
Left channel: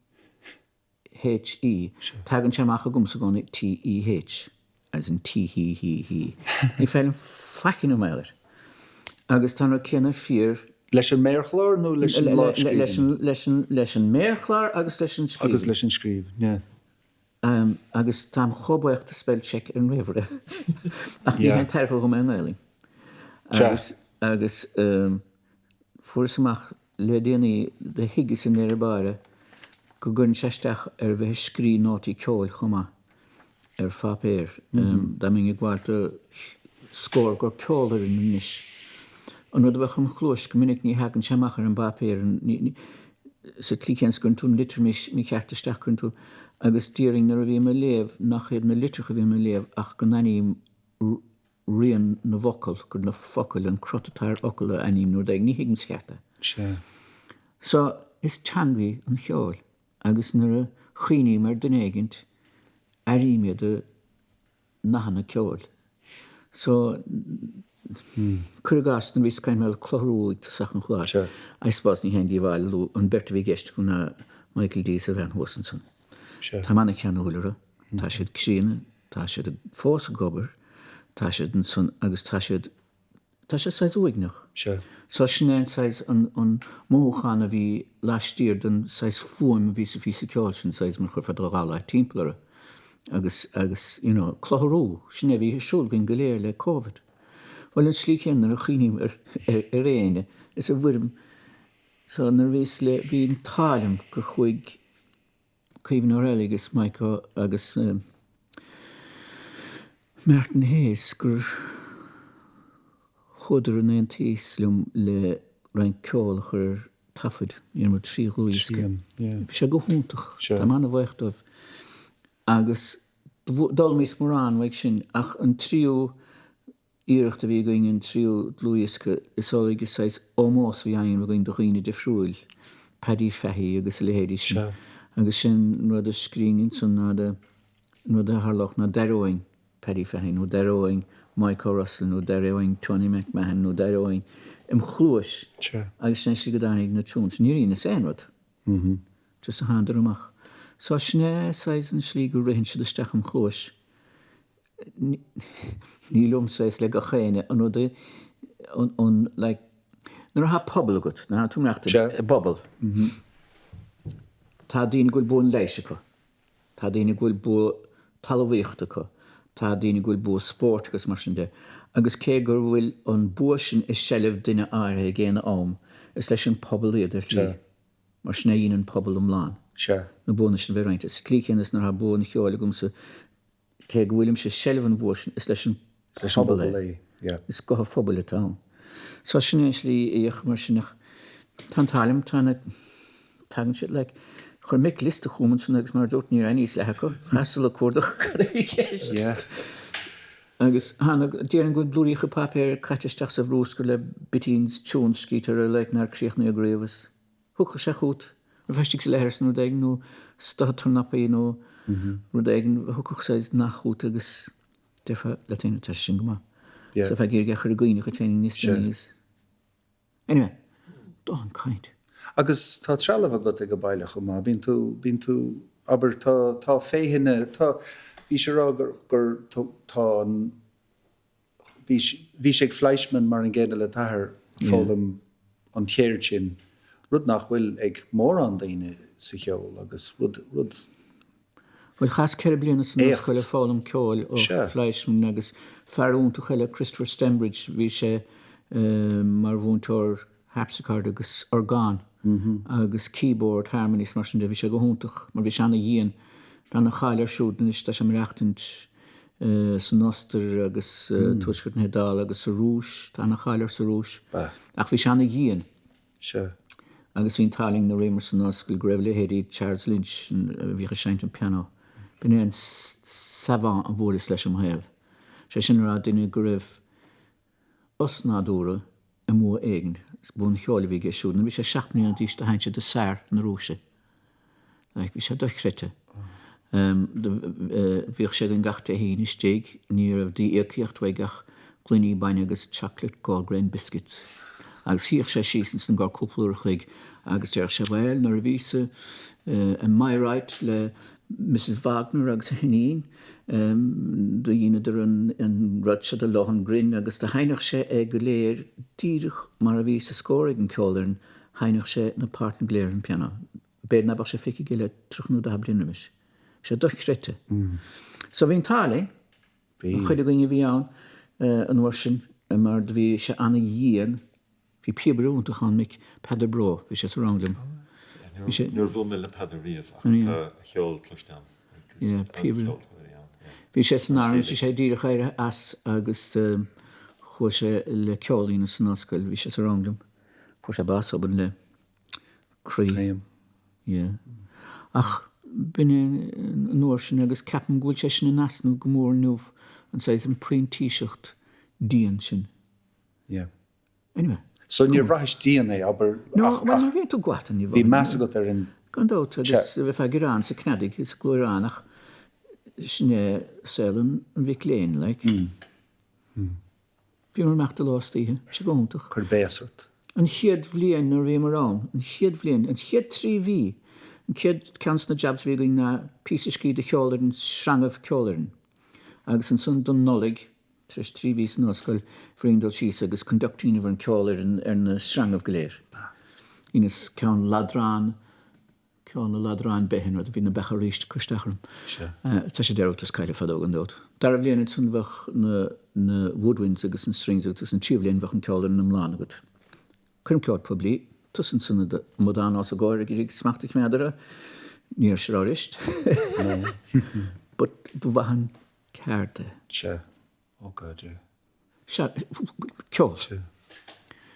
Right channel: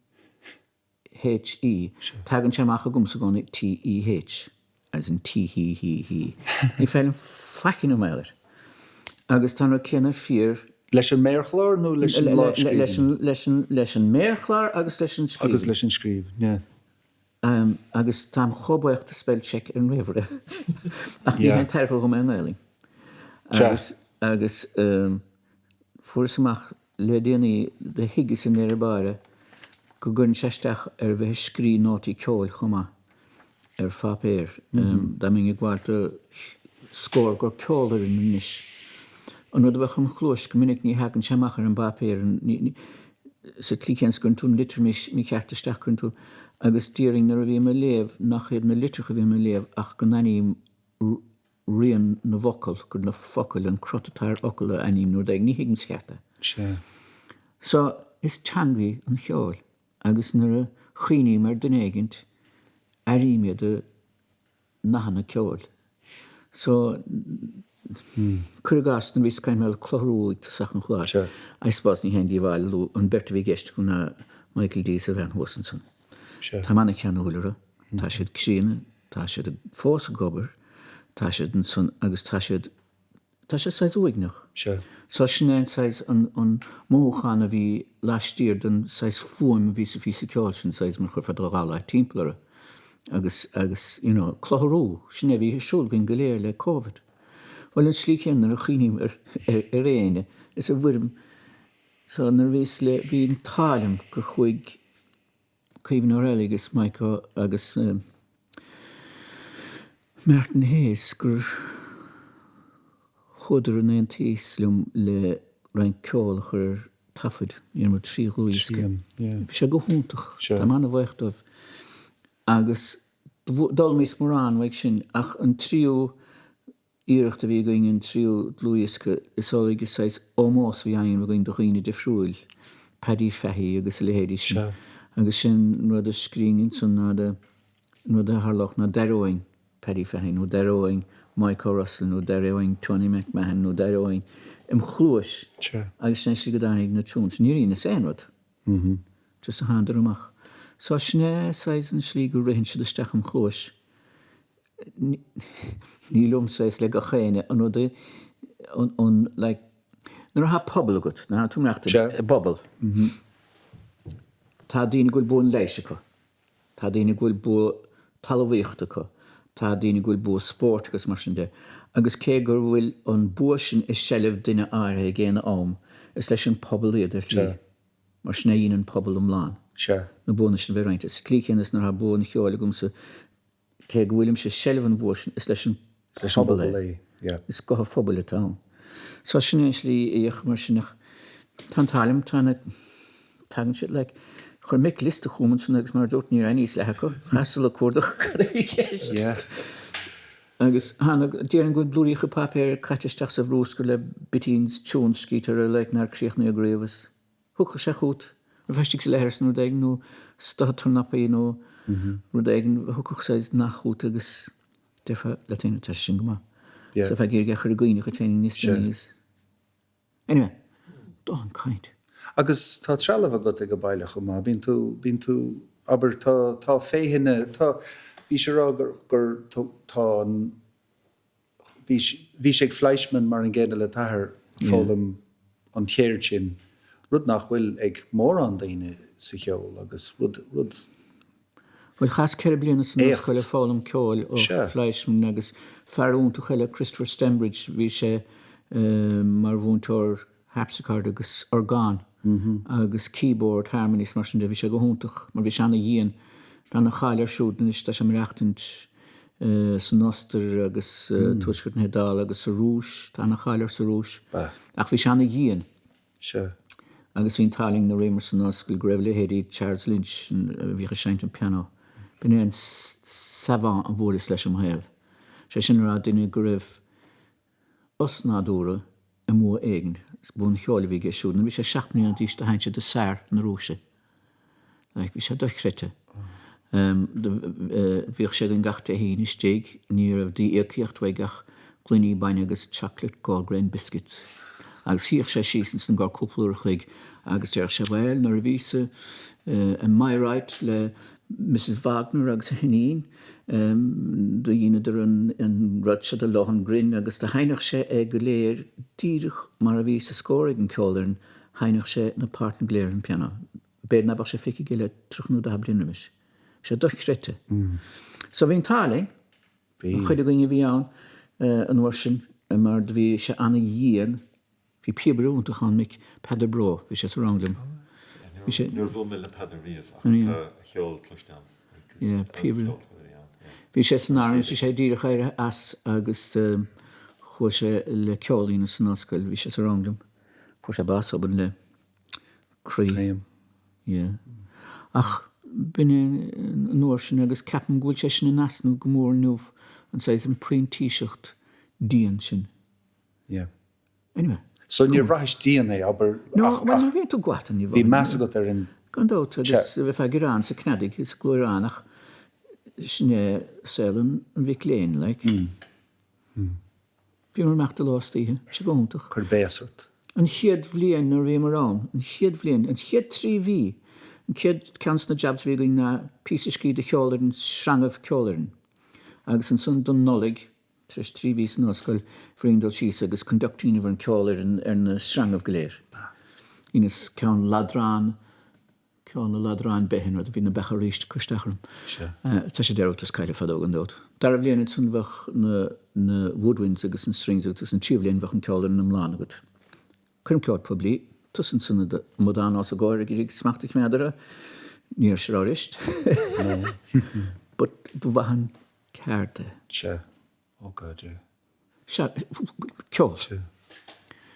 tagan seamach a gomsa gána T-E-H as in T-he-he-he. Ní fellin facin am eilir. Agus tá ra céanna fíor leis an Clár nó leis an leis an Clár agus leis an scríb. Agus leis an scríb, yeah. Agus tám chobaocht a spell check an rivere. Ach ní hen tarfo go an eiling. Agus fuairsamach le déanaí de higus in bare go gunn seisteach bheith scrí nótaí ceoil chuma fapéir. Da ming gháilta scór gur ceolar in níis. An rud bheith an chlós go minic ní hagann seamachar an bapéir sa tlíchéns gunn tún litir mí ceartaisteach gunn tú agus díring nar a bhí me léamh nach chéad na litircha bhí me léamh ach go naní rian na vocal gur na focail an crotatáir ocail a aním nuair ag ní higann scearta. So is teangaí an cheoil agus nar a chuoiní mar den éigint aríime de nachanna ceoil. So Curgas na bhís caim meall chlorúig tá sachan chláir. I suppose ní hen díomháil an berta bhí geist go na Michael D. Van Hossenson. Tá manna ceanúilere, tá siad críine, tá siad fós a gobar, tá siad an son agus tá siad sais uignach. So sinnéin sais an móchan a bhí leistíir den sais fuim ví sa ceáil sin sais mar chu feidirrála timplare agus chlorú sinné bhí siúil gin goléir le COVID. Well an slíchéan ar a chinim réine is a bhuirim so nar bhís le bhí an tálim gur chuig Cíomhan Ó Maonlaí agus Mick agus Martin Hayes gur chudar an tíslum le rein ceolach ar tafid mar trí chuúisce. Bhí sé go húntaach tá manna bhaochtmh agus dul mís mórán bhaid sin ach an tríú íireachta bhí going an tríú luisce is áige sais ómós bhí aon bh going do chuoine de friúil Paddy Fahey agus lehéidir sin. Agus sin rud a scríingin son rud a harlach na deróing Paddy Fahey, nó deróing Michael Russell, nó deróing Tony McMahon, nó deróing chlúis. Agus sin si go dánig na túns. Níorí na séanrad. Just a handar amach. So sné sais an slí go rihin siad isteach chlúis. Ní lum sais le go chéine an rud like nar ha pobl agat, na ha túmreachta bobl. Tá daoine gúil bú an leisecha, tá daoine gúil bú talmhaíochtacha, tá daoine gúil bú sport agus mar sin de. Agus cé gur bhfuil an bua sin is sellh duine áirithe géana am, is leis an pobl iad ar tí. Mar sin é an pobl amláin. Na buna sin bheith is clíchéan is nar ha bú an cheoil gomsa cé go bhfuilim sé sellh an bua sin is leis an pobl é. Is go phobal atá. So sin é slí éoch mar sinach tá tálim tána tagan siad le chur mic liste chuman sin agus mar dúirt ní aníos le go chastal a cuardach chéist. Agus hána déan go blúícha papéir caiteisteach sa bhrús go le bitíns tún scítar a leit nar críochna a grévas. Thucha sé chuút ar feistigh sa lehirs nó daig nó statar napaí nó ru daigen thucach sais nachút agus defa le téine te sin goma. So fe géir gechar a gcuoine go téine níos. Anyway, dá an caint. Agus tá trealamh agat ag go baile chumá, bíonn tú aber tá féhinne tá bhí sé rá gur tá bhí sé ag Fleischmann mar an ggéine le tathair fólam an chéir sin rud nach bhfuil ag mór an daoine sa cheol agus rud Well, chas ceir bliana san scoile fálam ceol ó Fleischmann agus fearúnta chuile Christopher Stembridge bhí sé mar bhúntóir harpsichord agus orgán agus keyboard harmonies mar sin de bhí sé go húntaach mar bhí seanna dhéan dan na cháilir siúdan is tá sem reachtant san noster agus tuisgurt na hedal agus sa rúis tá na cháilir sa rúis ach bhí seanna dhéan agus hín taling na réimar san noscail greibh le héadí Charles Lynch bhí a seint an piano bin éon savant an bhóris leis am héil. Sé sin rá duine go raibh osnádúra i mó éigen, bún cheoil bhí géisiúna, bhí sé 7 mbliana díos de haintse de sár na rúise. Bhí sé dochreite. Bhíoh sé an gachta hín is téig, ní raibh dí écíocht bhaigach glúní baine agus chocolate gallgrain biscuits. Agus híoch sé sísan san gá cúplúir chuig agus deir sé bhil nar a bhísa an mairáit le Mrs. Wagner agus a hinín do dhéine ar an rudse de lochan grin agus de hainach sé ag go léir díirich mar a bhí sa scóir an ceolainn hainach sé na páirt na gléir an piano. Béad na bach sé fici giile trochnú da blinamis. Sé dochreite. So bhín táling, chuide goine bhí an bhar sin mar bhí sé anna dhéan hí piabrúntaach an Mick Peadar Ó, bhí sé sa ranglim. Nuair bhfuil me le Peadar riamh ach cheol cloisteán. Bhí sé san áireann sé díreach éire as agus chuair sé le ceolaína san noscail, bhí sé sa ranglim. Chuair sé bás oban le crí. Ach bin nuair sin agus ceapan gúil sé sin na nasnú go mór nuamh an sais an príontíiseacht díon sin. Anyway. So níor bhrais díana aber No, well, bhí tú gwaith an bhí measa go ar an Gandót agus bheith eagrán sa cnadig is glúránach sinné selan an bhí léin le. Bhí mar meachta lástíhe, sé góntaach. chur béasart. An chiad bhliain nar bhí marrán, an chiad bhliain, an chiad 3 bhí, an chiad cans na jobs bhí going na písa scrí de cheolainn srangah ceolainn. Agus an son don nolig, tris 3 bhí san noscail fríondal síos agus conductíine bhar an ceolainn ar na srangah go léir. Inas ceann ladrán behin rud bhí na becha ríist chuisteachram. Tá sé deirtas caiile fadóg an dót. Dar a bhléanad san bhach na woodwinds agus an strings agus an tíomhlíonn bhach an ceolainn na mláán agat. Chun ceod poblí, tusan sanna modán ás a gáir ag rig smachtaich meadara, níor sé ráist. But bhahan cárta. Oh God, Ceol.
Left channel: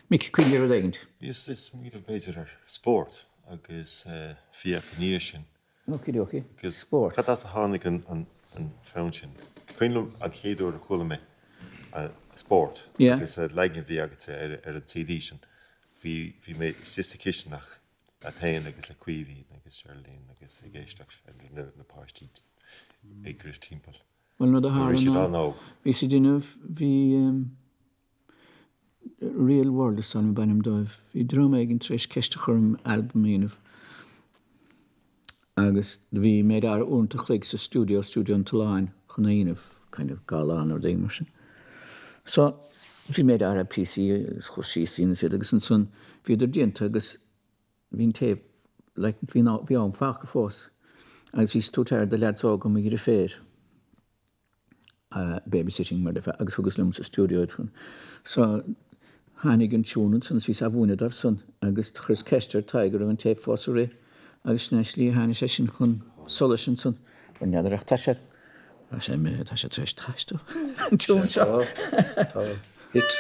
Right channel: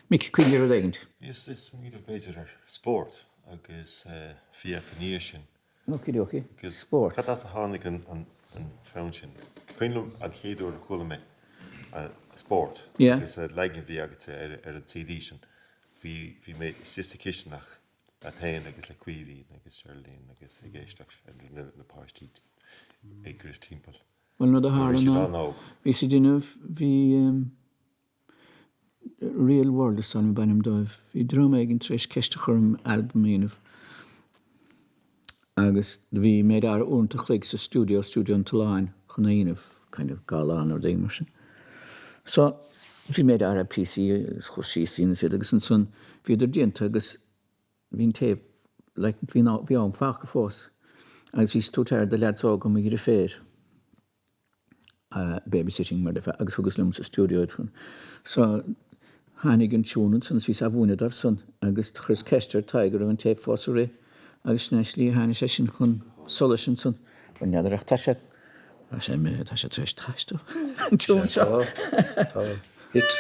Mick, cuilig ar a leigent. Is míad béidir sport agus fiachníir sin. Okie. Sport. Cad as a hánig an fáin sin. Cuinlumm an chéadú a chola mé sport. Agus leigin bhí agat ar an CD sin. Bhí mé just a cisinach a tain agus le cuihín agus Charlene agus géisteach na páistí ag gris timppel. Well, no, the Harlan. We see the real world is on by him dive. We drum egg and trash kestechurum album in August. We made our own to click the studio in Line, kind of galan or Danish. So we made our PC, she scenes it, and son. We did gent, August. We tape like we on fach force. As we stood here, the lads all come with fair. Babysitting mar agus thugus lum sa studio chun. So hánig an túnan san ví a bhúna ar san agus chus ceistir taigur an tape fós ré agus sneslí hána sé sin chun sola sin san ban neadarach tá sé treis taistu. Tún seo. Hit.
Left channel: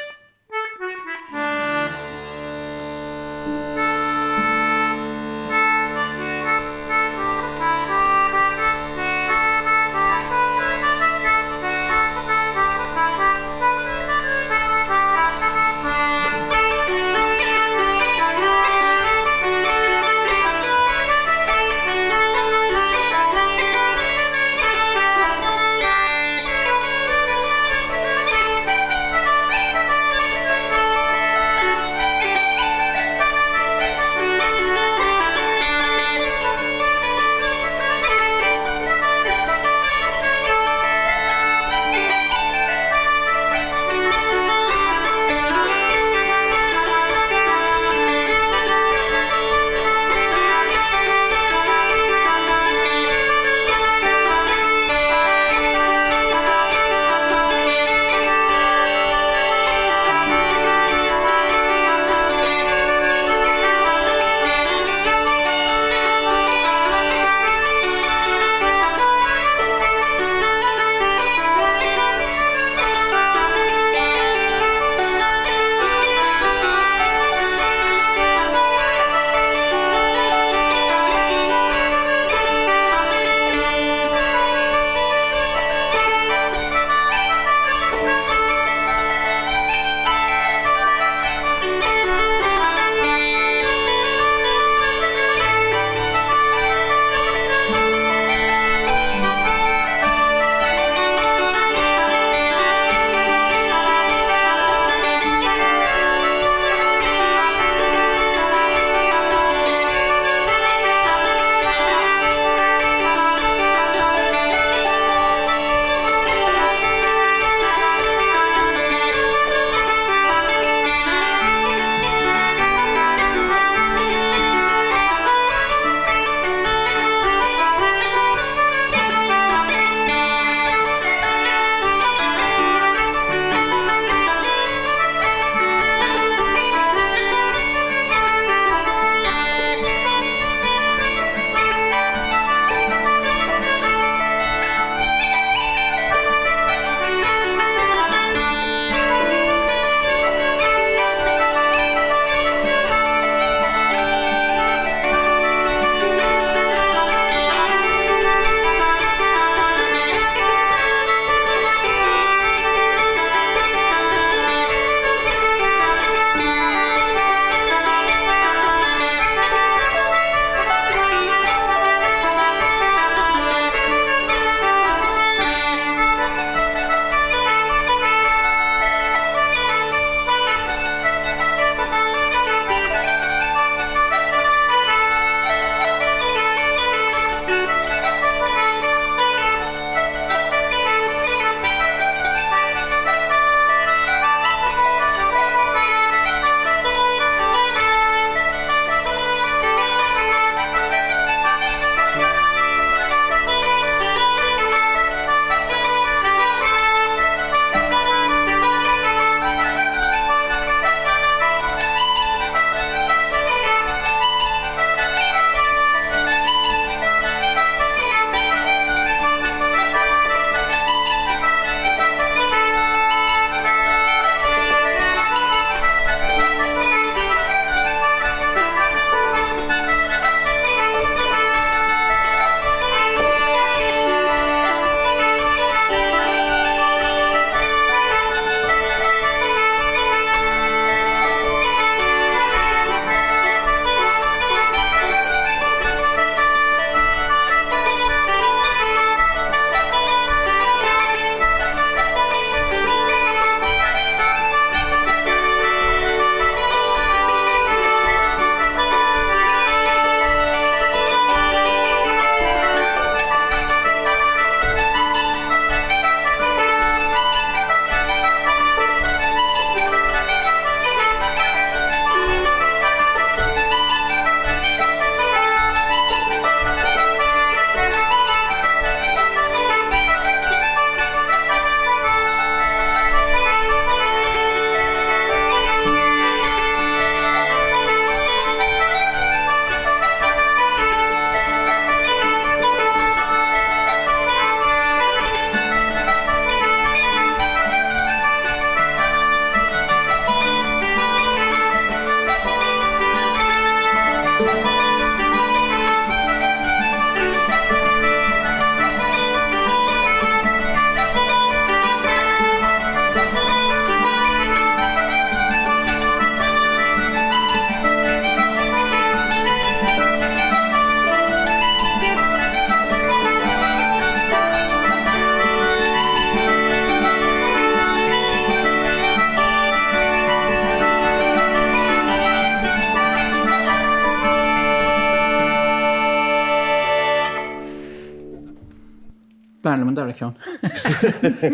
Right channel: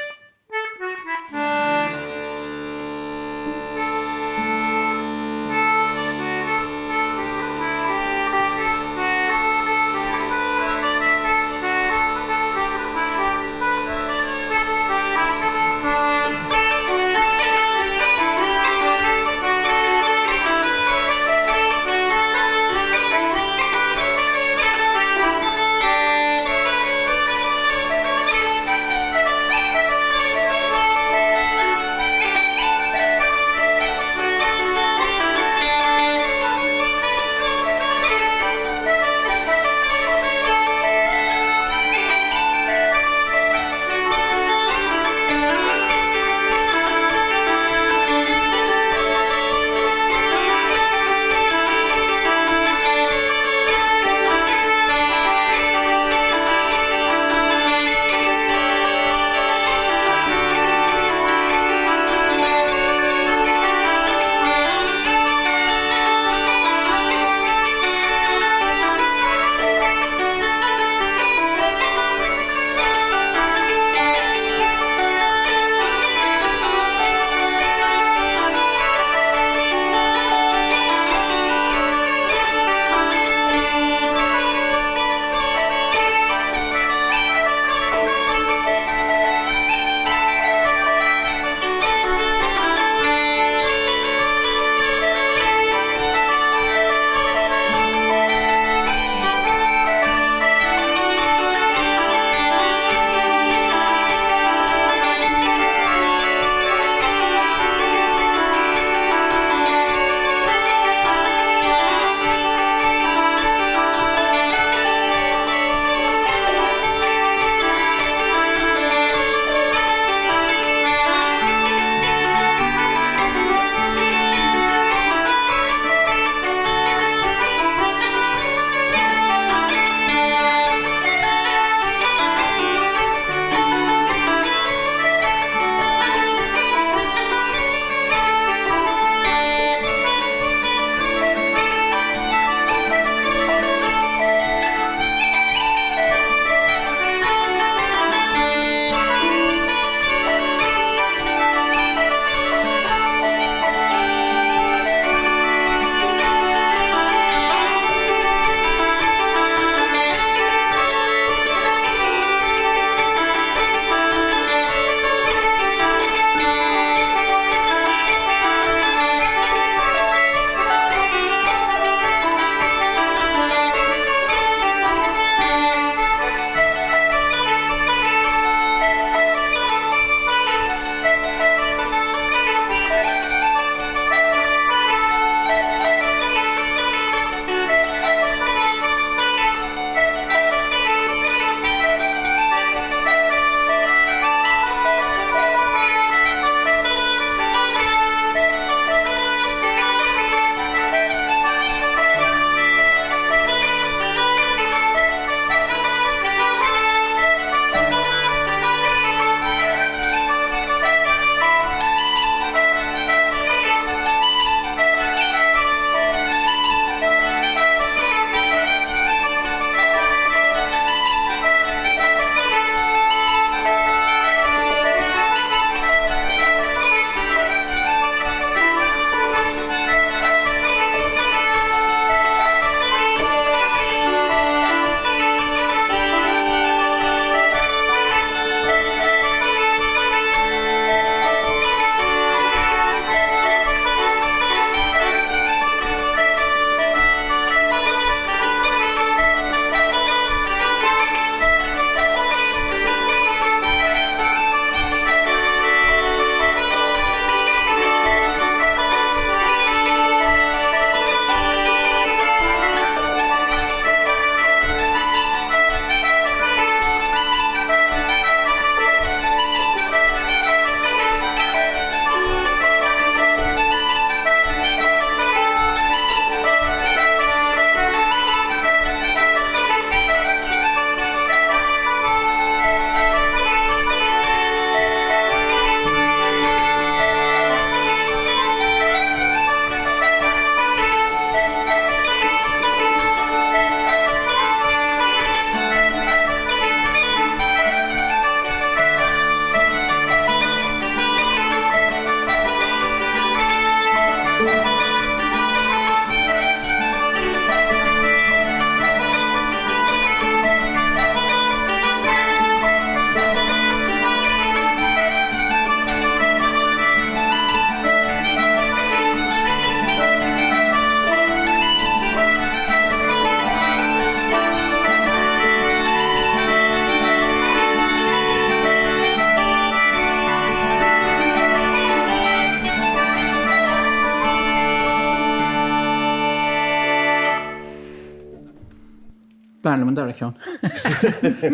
Barlam an dara ceann.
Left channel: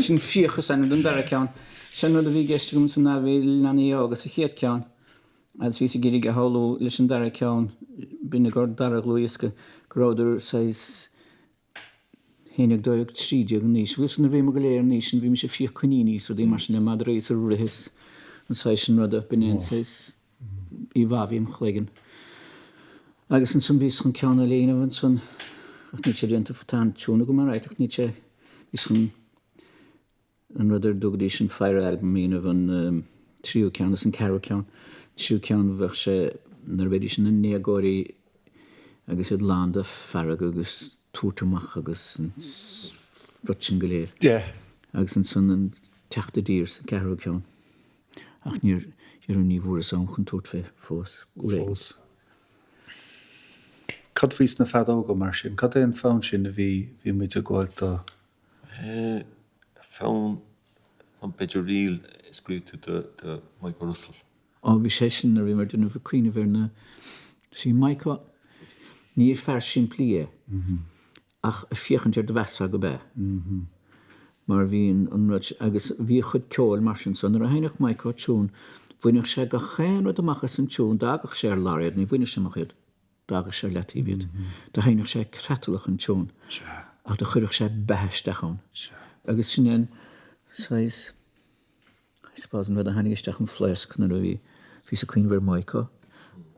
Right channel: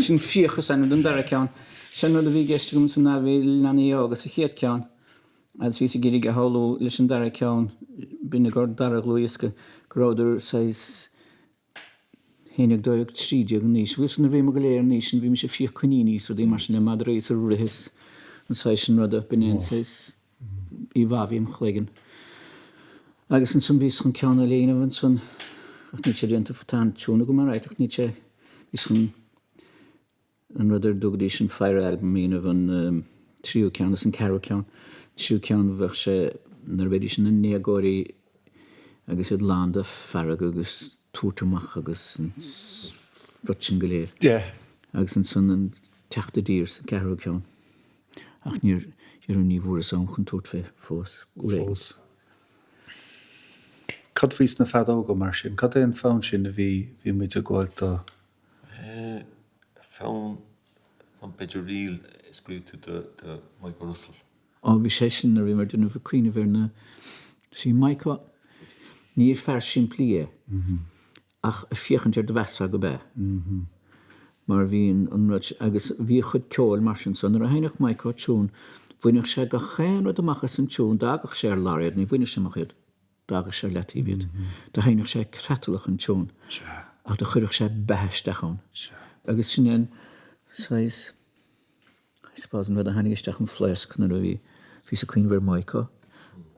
Sin fiochas an an dara ceann. Sin rud a bhí geiste gom san nabhí lenaí agus a chéad ceann. As bhí sa géirí go hallú leis an dara ceann, bína gur dara glúisce gráidir sais héananig dóag trídeag an níos. Bhí san na bhí mo go léir níos, bhí me sé fioch chuní níos, dí mar sin na madréis a ruhis an sais sin rud a bíon sais I bhahím chléigen. Agus an san bhís chun ceanna léana bhain san ach ní sé rianta fatán túna go mar ráit ach ní sé bhís chun an ruidir dúgadí sin Fire Album mína bhain tríú ceanna san carú ceann. Tríú ceann bheith sé nar bhéidir sin na néagóirí agus iad landa farag agus túrtamach agus rud sin go léir. Agus an san an teachta dír san carú ceann. Ach níor an ní bhúr as an chun túirt fé fós. Fós. Cad fís na fad óga mar sin? Cad é an fán sin a bhí muid a gháil do? Fán an beidir riil scríú de Michael Russell. Bhí sé sin a bhí mar duna bh cuioine bhar na sí Michael níor fear sin plí ach a fiochantar de bheasa go bheith. Mar bhíon an rud agus bhí chud ceoil mar sin san ar a hainach Michael tún bhuineach sé go chéan rud amachchas an tún dagach sé ar láiad ní bhuineach sé machchéad dagach sé letíhíad. Da hainach sé cretalach an tún ach da chuireach sé beheisteachán. Agus sin an sais spásan bheith a hainigeisteach an flesk nar a bhí sa cuioin bhar Michael.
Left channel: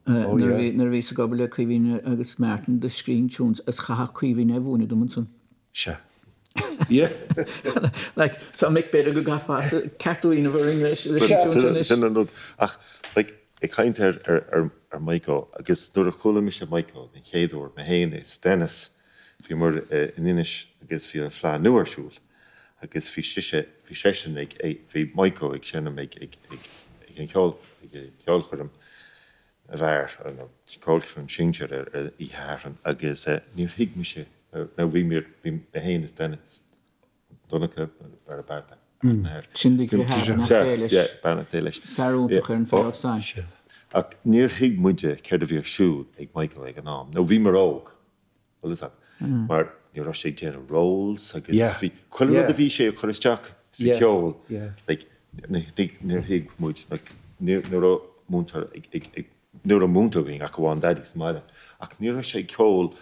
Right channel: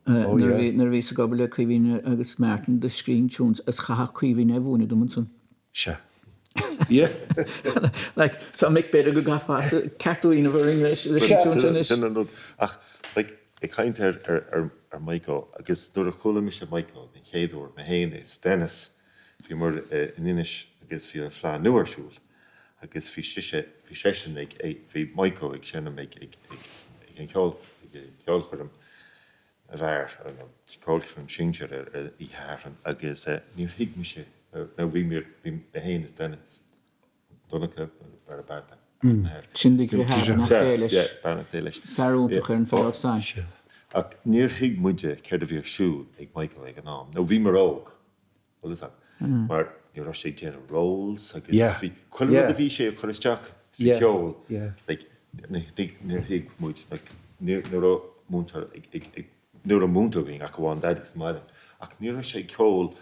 Nar bhí sa gabal le cuihín agus Martin de scrín túns as chaha cuihín a bhúna do san. Se. Yeah. Like, so Mick better go gafas Kathleen of English. Ach, like, ik kaint ar Michael, agus door a chola mis Michael, in Chéadúr, me héine, Stennis, fi mar in Inish, agus fi an flá nuarsúl, agus fi session fi Michael, ik senne meg, ik an ceol chum a bhar, ceol chum singer I haren, agus níor hig mi sé, na bhí me héine Stennis, Donnacha ar a barta. Sindig go háir nach déilis. Ja, barna déilis. Ferúntacha an fág sáin. Ach, níor hig muide ceir a bhír siúd ag Michael ag an ám. No, bhí mar óg. Well is that? Mar níor ra sé déanam rolls, agus bhí... Cuil rud a bhí sé a choristeach sa cheol. Like, níor hig muid, níor a múntar bhín ach bháin daddy sa maiile. Ach, níor ra sé ceol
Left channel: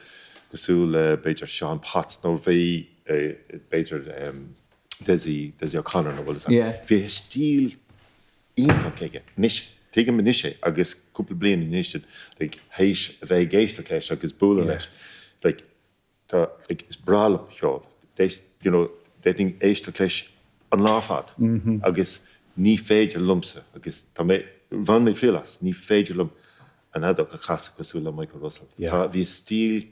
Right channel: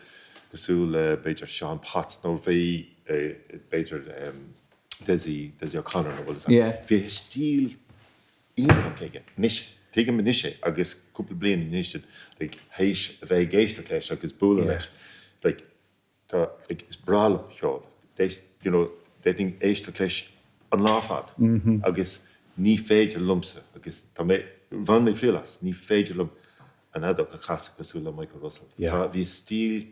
gosúil beidir Sean Potts, nó bhí beidir Desi O'Connor, nó bhil is that? Bhí stíl ionfach ige, nish. Tegen me nishe, agus couple blian in nishe, like heish a bheith geist leis agus búla leis, like is bral cheol. You know, they think éist leis an láfad, agus ní féidir lumsa, agus tá mé van mé filas, ní féidir lum an adach a chasa cosúla Michael Russell. Tá bhí stíl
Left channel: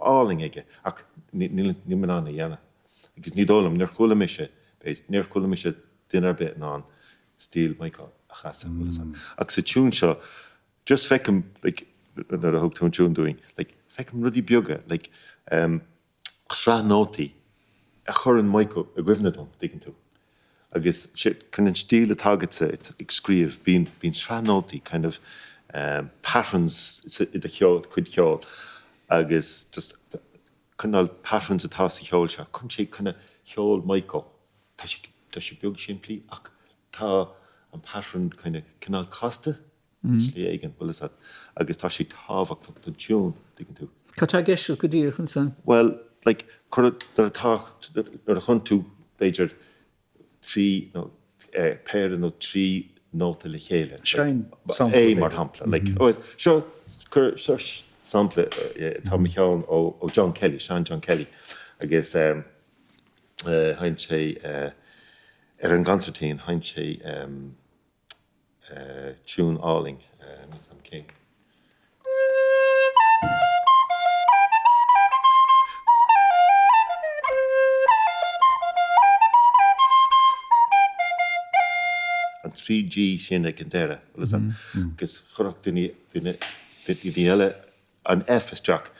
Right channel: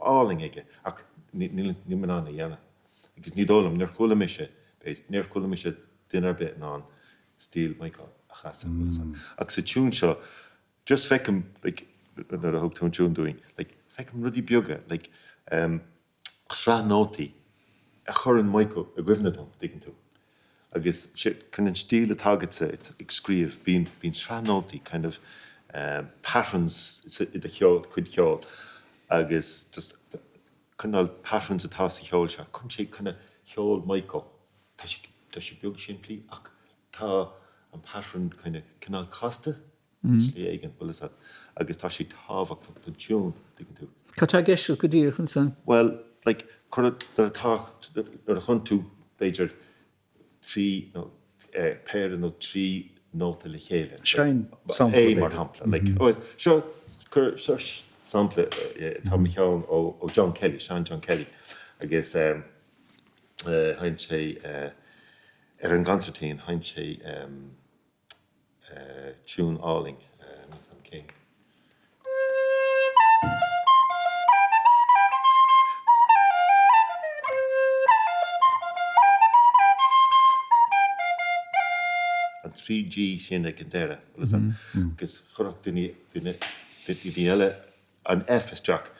áling ige, ach ní man anna dhéana. Agus ní dólam, níor chula mise dinar bit ná stíl Michael. Ach sa tún seo, just fecum, like, nar a hog tún doing, like, fecum rudí bioga, like, sra nótaí, a chur an Michael a gwifnadom, diggin tú. Agus, can an stíl a tágatsa ag scríomh, bín sra nótaí, kind of, patterns, i da cheol, cuid cheol, agus, just, cynnal patterns atá sa cheol seo, chun sé cynna cheol Michael, tá sé biog sin plí, ach, tá an pattern kind of canal costa slí aigen bhil is agus tá sé táhacht an tún diggin tú. Cá tá geisiú go dtír chun san? Well, like, chuir ar a chun tú beidir péir nó trí nóta le chéile. Sein sampla. É mar hampla. Seo chur sampla tá mi cheann ó John Kelly, Sean John Kelly, agus hain sé ar an gancertín, hain sé tune áling with some king. And 3G sin ag an deire, well is that? Because chorach dini eile an F is Jack.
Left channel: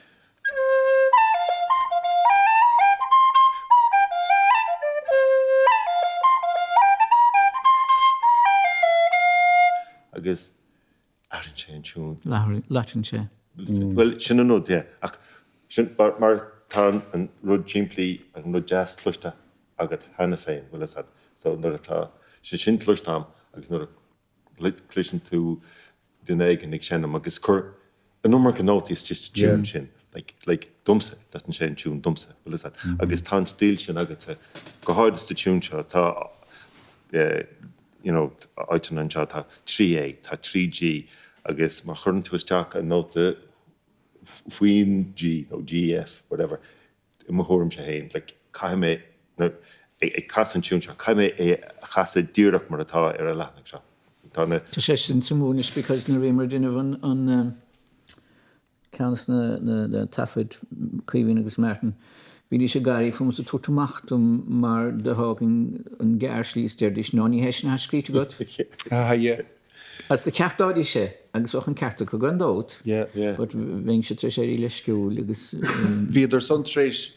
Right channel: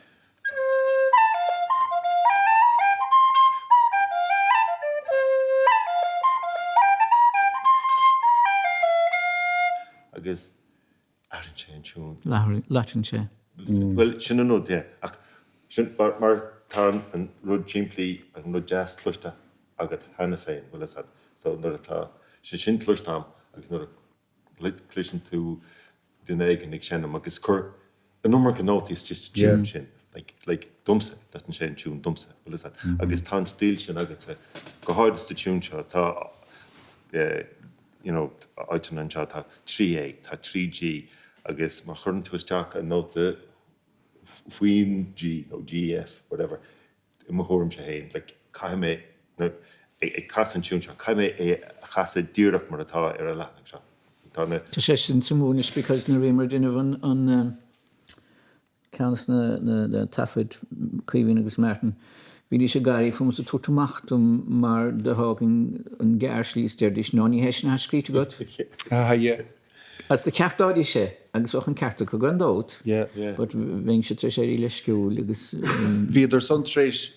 Agus Aran sé an tún. Latin sé. Well, sin an nód, yeah. Mar tá an rud timplí an rud jazz tluiste agat hena féin bhfuil is so nuair atá sin tluistam agus nuair cluisin tú den éigen ag sinnam agus cur an nummer can nótaí is just tune sin like dumsa dat an sé tún dumsa bhfuil is agus tá stíl sin agat sa go háidiste tún seo tá you know áitin an seo tá 3A tá 3G agus má churn tú isteach an nóta Fuin G, no GF, whatever. In my home shahin, like kaime, no, a casan tune shot. Kaime a casa direct marata era latnak shot. Tashin Samunish because na rimer dinavan on Couns na Tafford Cleaving agus Martin. Vidi se gari from so totamachtum mar de hagen an garsli sterdish noni heshen haskrit got. Yeah. As the cartá sé agus och an carta go gan dót. But ving se tre sé ile skúl agus Viidir son treis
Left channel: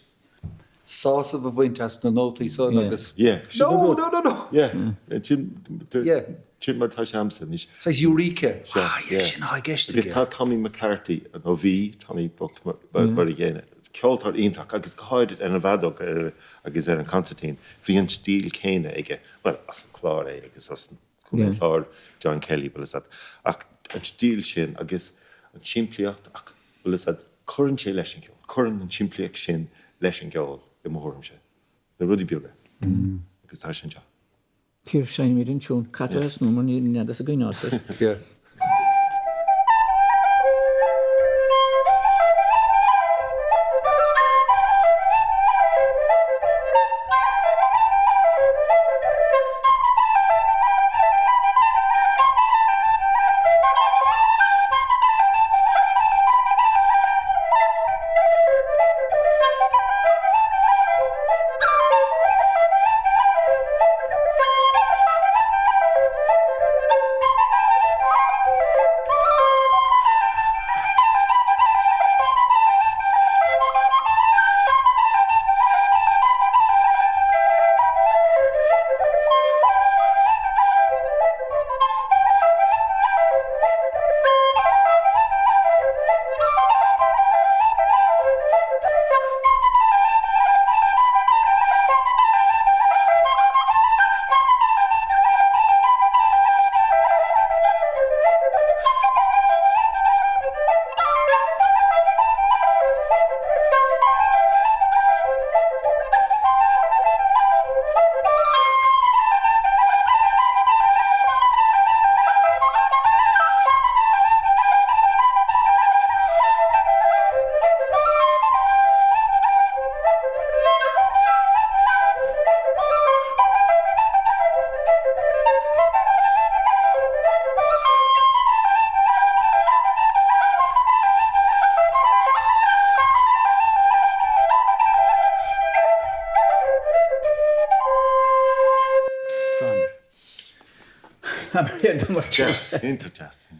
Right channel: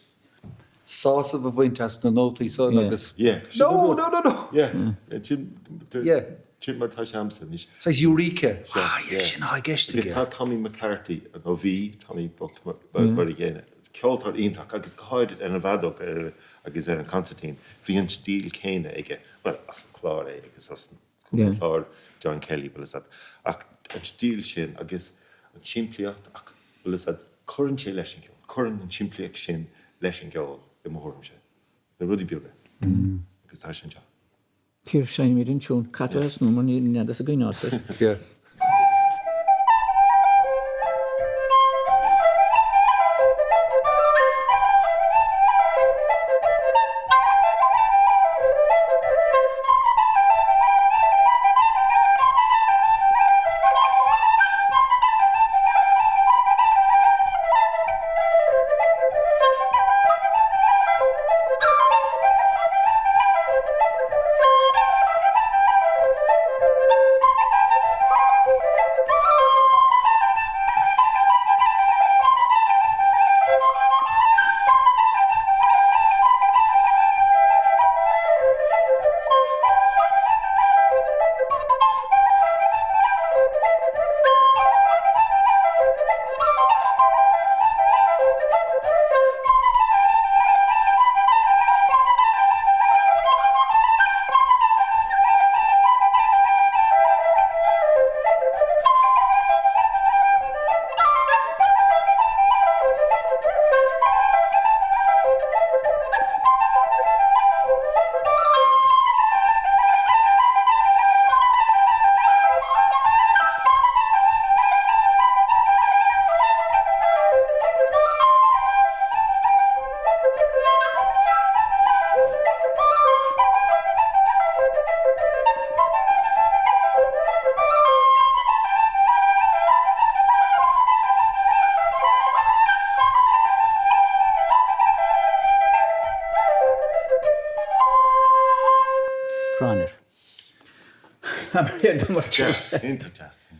sás a bhaintas na nótaí son agus. No. Jim mar tá seamsa níos. Says Eureka. Sin ha gist. Agus tá Tommy McCarthy an OV, Tommy Buck mar igéine. Ceoltóirí ionach agus goáid an bhadog agus an Constantine. Bhí an stíl céine ige, well, as an Clár agus as an Clár John Kelly bhfuil is ach an stíl sin agus an timplíocht ach bhfuil is churann sé leis an ceol. Churann an timplíocht sin leis an ceol I mórm sé. Na rudí beaga. Agus tá sin seo. Cír sein mé an tún catá is nó mar ní neadas a gaináta.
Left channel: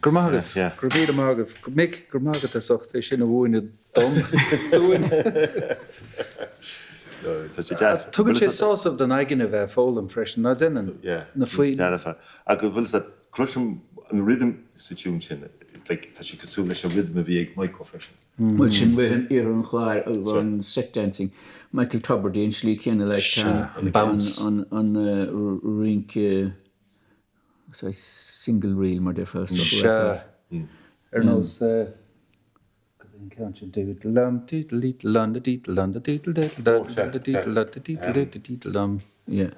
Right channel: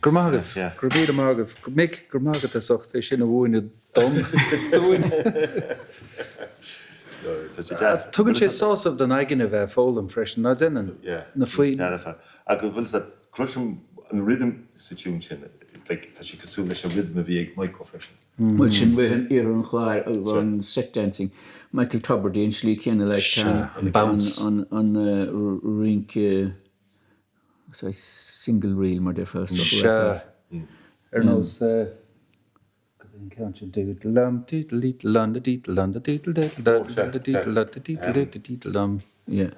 Gur mágah, gur bíad mágah, Mick gur mágah a socht é sin a bhúine dom. Tugann sé sásamh den aigeine bheith fólam freisin ná dénn na faoin. A go bhfuil sa cloisiom an rhythm sa tún sin, tá si cosú leis an rhythm a bhí ag Michael freisin. Muid sin bheith an ar an chláir an set dancing. Michael Tubbardí an slí céanna leis an rink single reel mar de first knows can't you do it lum title lunda title lunda title title yeah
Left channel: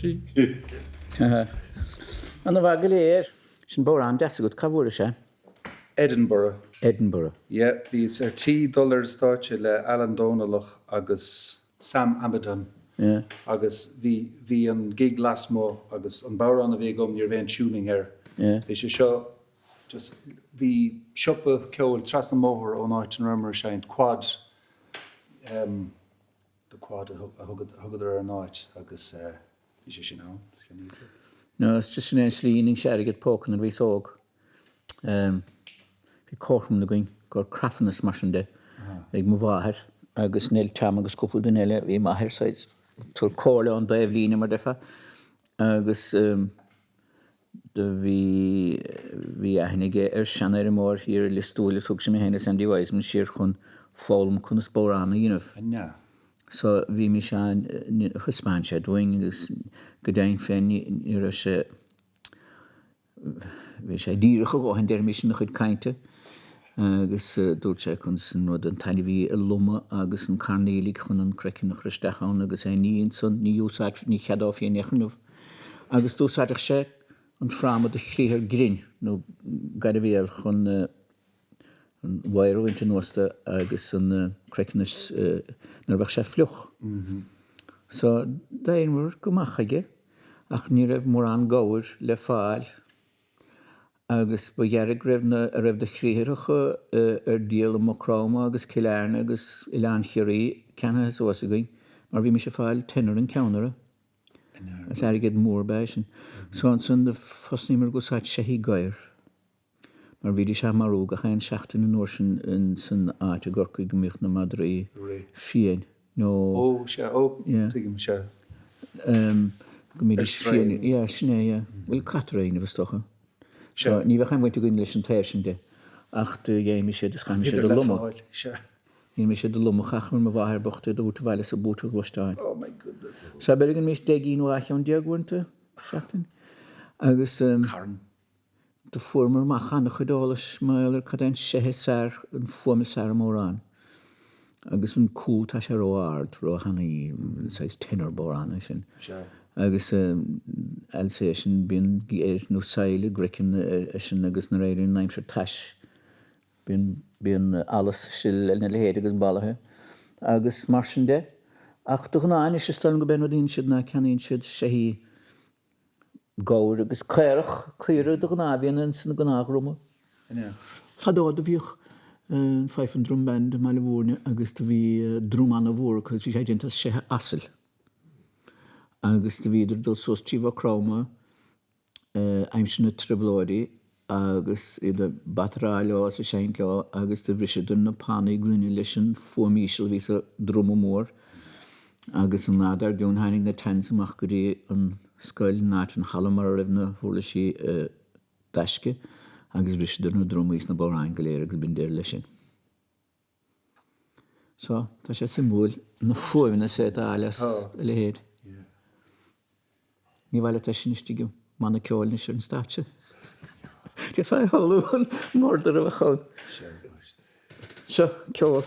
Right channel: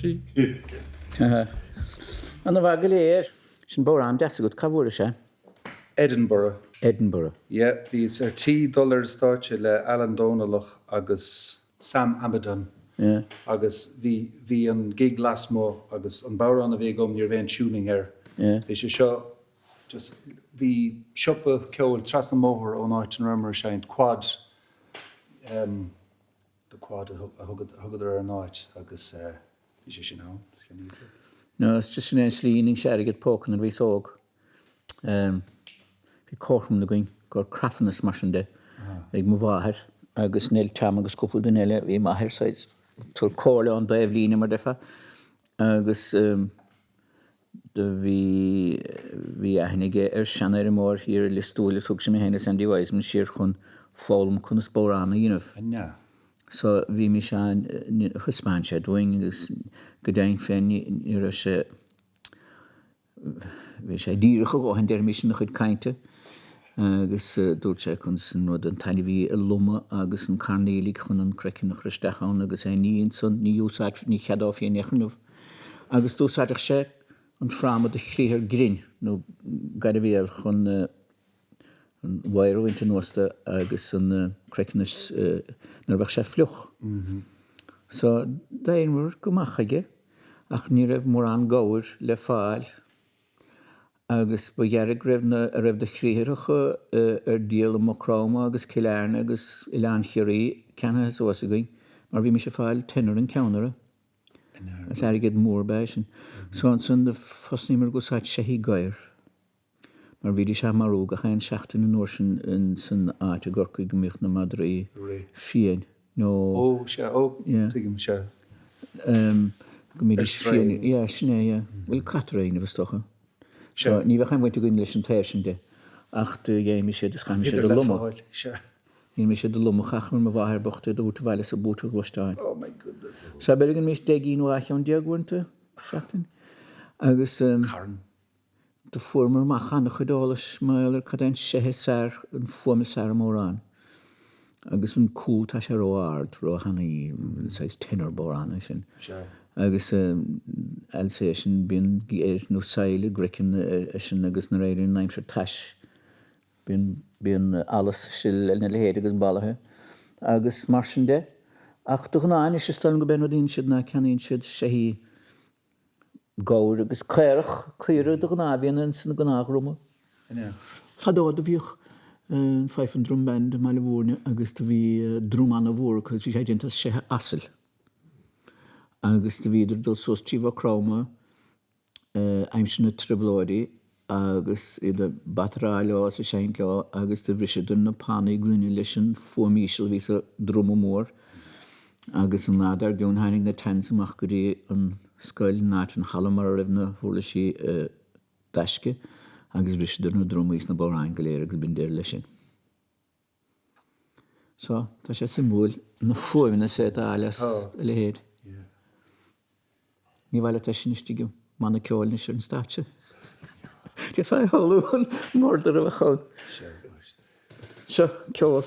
tí. An a bhag léir sin bórán deasa go cabhúra sé. Edinburgh. Edinburgh. Yeah, bhís $10 státe le Alan Dónalach agus Sam Abadan. Yeah. Agus bhí an gig lasmó agus an bárán a bhí gom níor bhéon túning Yeah. Bhí sé seo just bhí siopa ceol tras na móthir ó náit an rumor sein quad the quad a thugad ar an náit agus bhí sé sin ná. No, it's just an slíning sé get pócan an bhí sóg. Bhí cócham na going gur craffanas mar sin de ag mo bháthir agus néil tam agus cúpla den eile bhí maithir said tuair cóla an daobh lína mar defa agus bhí aithnig ar seanna ar mór hir listúla sug sem héna san díhhaid man siar chun fálam chun spóránna dhéanamh. So bhí mi sean chuspáin sé dúing agus go dain féin ar sé bhí sé díreach go an deir mis na chud cainte agus dúirt sé chun san nó an taine bhí a luma agus an carnélig chun an crecin nach christeachán agus é níon san ní úsáid ní cheadáh í nechanmh. Agus dúsáideach sé an frámad a chríthar grin nó gaiad bhéal chun an bhairú inte nósta agus an creicenas nar bheith sé fluch. So daonmhar go machaige ach ní raibh mór an gáir le fáil agus ba dhearag raibh de chrítharacha ar díal am Cráma agus Clár agus Ileán Chiaí ceanna is osagain mar bhí mi sé fáil tenar an ceannara. As airgad mór beisin. So an san de fosnímar go sáid sé hí gair. Mar bhí sé marúga chain seachtain an orsin in san áte gorcaí go mbeadh na Madraí fian. No. Sé tuigim sé. Go mbeadh fian. Ja, sné, bhfuil catraína bhestocha. So ní bheith chain bhainte goin leis an téir sin de. Ach de dhéimi sé dus chaim sé de luma. Ní mi sé de luma chachmar ma bháthir bochta do úta bhaile sa búta glostáin. Oh my goodness. So began mis degín waith an diagúnta seachtain. Agus de formar machan a chudálas mailer cadén séhe sár an forma sár mórán. Agus an cúl tá sé roáard ro hanaí sais tenor bórán sin. Agus elsa sin bíon géir nó saile grecin sin agus na réirin naim se tais. Bíon alles sil na lehéad agus balathe. Agus mar sin de. Ach do gnáin is stal go ben odín siad na ceanín siad sé hí gáir agus céirech chuire do gná bhíon san gná rúma. Chadád a bhíoch feifan drumband meile bhórne agus do bhí drúman a bhór chus bhí sé dintas sé asal. Agus do bhíidir dul sos tíomh Cráma aimsin na tribláirí agus i de batrá lá sa sein lá agus de bhrisidún na pánaí glúine leis an fómíisiil ví a drúma mór. Agus an nádar dún hainnig na tensamach go dtí an scoil náit an chalamar raibh na thula sí deisce agus bhrisidún na drúmaís na bóráin go léir agus bin déir lei sin. So, tá sé symbol na fóimna sé álas le héad. Ní bhaile tá sin istigim mana ceáil na sin státe. Ge fai halún mórdar a bhachán. So, ceáil.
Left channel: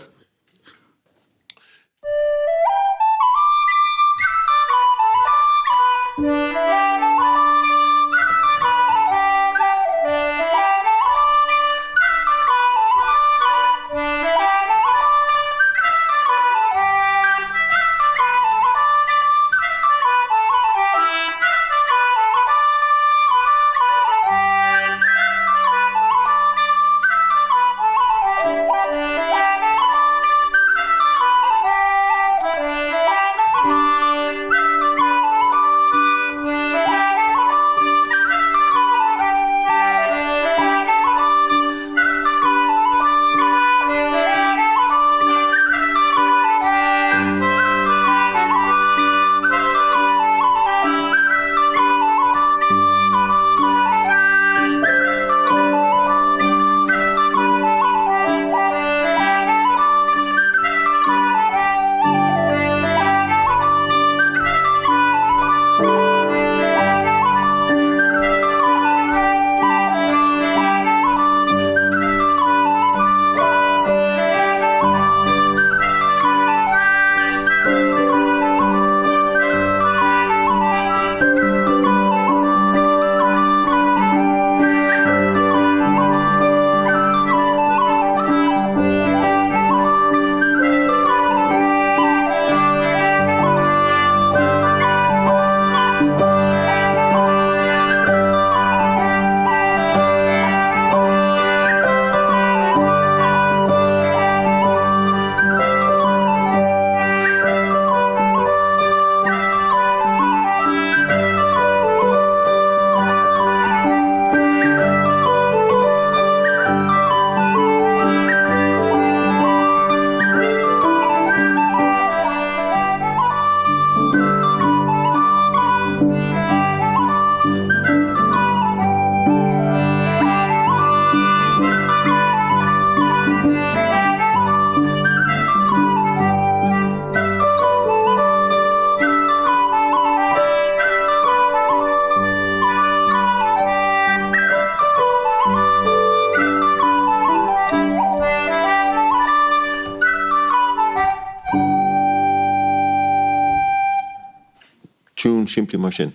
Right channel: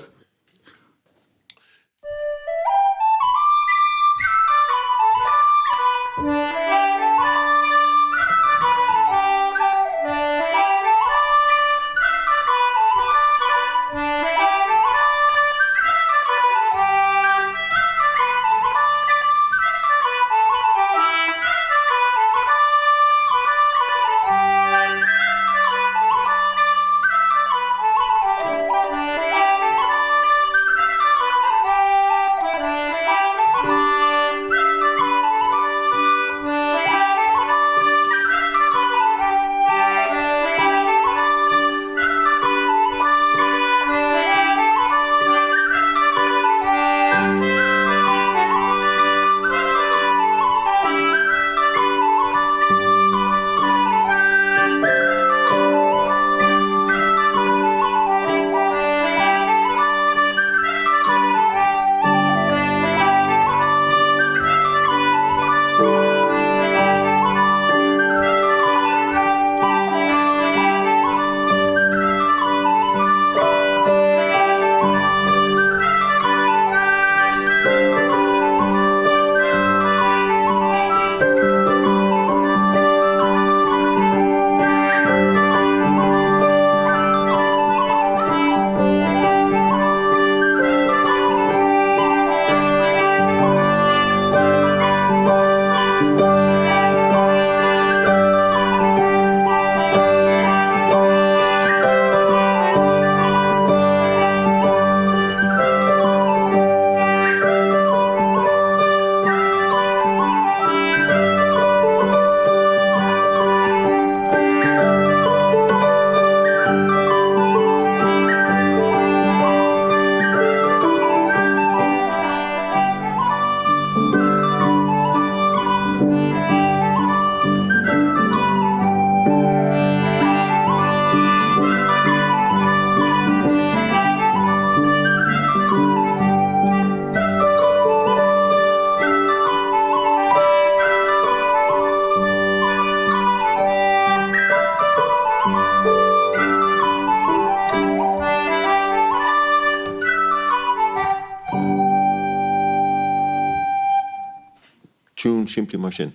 tune simply mar sin,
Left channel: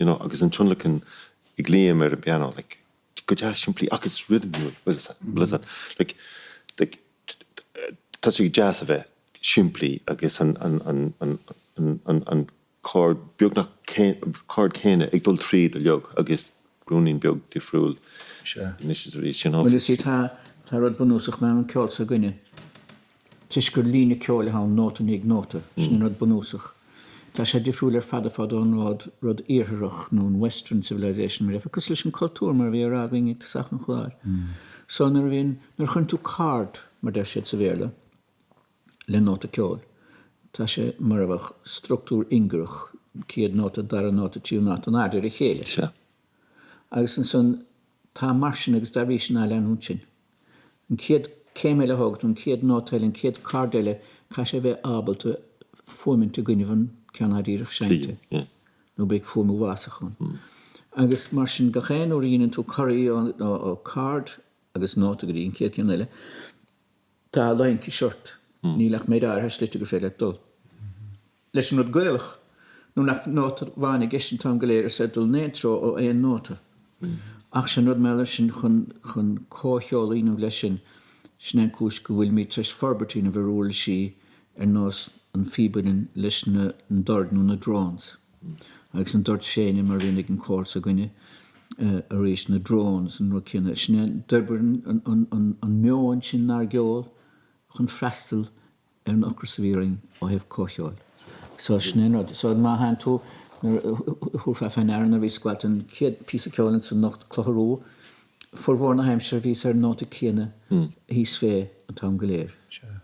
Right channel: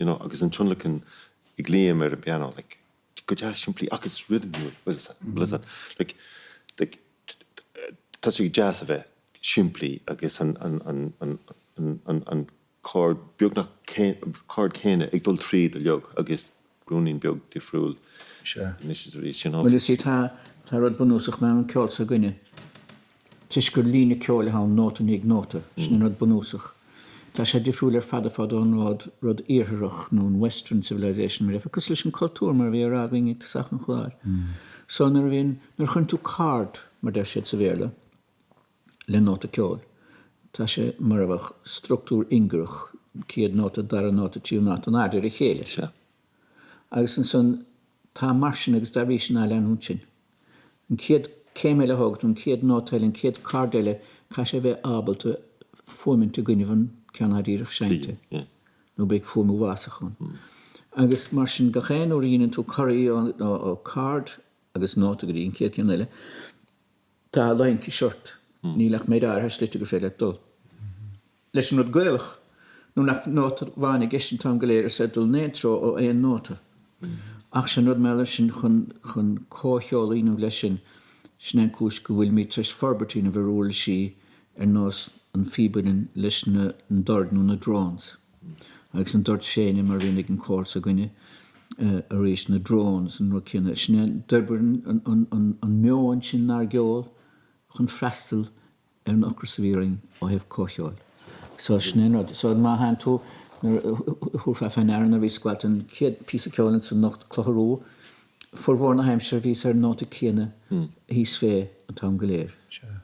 agus an tunlachan I gléim ar a piano, like, go just simply, agus rhythm you, blizad, like, tá sé jazz a bheith, simply, agus an chord beagnach chord céine ag dul tríd a leog, agus grúnín beag difriúil initiatives, Well, you see, tá rud bunúsach mewn ceol sa gine. Tis gur lína ceol a hawn nóta nig nóta, sin rud bunúsach. Tá sé difriúil fada an rud iarthach nó Western civilization mar efo, cos leis an cultúr mar bhí rágaing ag tasach an chláir. So nar chun tú card mar der sé sa bhéle, le nóta ceol. Tá sé mar bhach structúr ingrach, ciad nóta, dar nóta, tíú nóta, an ardir I chéile. Agus an son, tá marsin agus dar vísin a lean hún sin. An ciad céimeile hogt, an ciad nótail, an ciad cardile, cá sé bheith ábalta fóminn te gynnyfan cean haríirech seinte. Nó beag fómú vásachon. Agus marsin gachéin ó ríann tú choirí ó card, agus nóta go ríon ciad ceanile, tá lain ci short. Nílach méid ar slite go féile dul. Leis an rud gaelach, nó nach nóta bhainna gesin tam goléir a sedul nétro ó éon nóta. Ach sin rud me leis sin chun cócheol inú leis sin sin cúis go bhfuil mí tris forbertína bhróil sí nós an fíbanin leis na dord nó na drones. Agus an dord féine mar rinnig an cór sa gine a rééis na drones an rucinna. Sin derbar an meoin sin nar geol chun freistal an ocrasavíring ó hef cócheol. So sin rud. So má hain tú húfa fein ar na bhí sgwalt an ciad pís a ceolinn san nocht clocharú forhór na heimsir vís ar nóta cíana hís fé an tam goléir.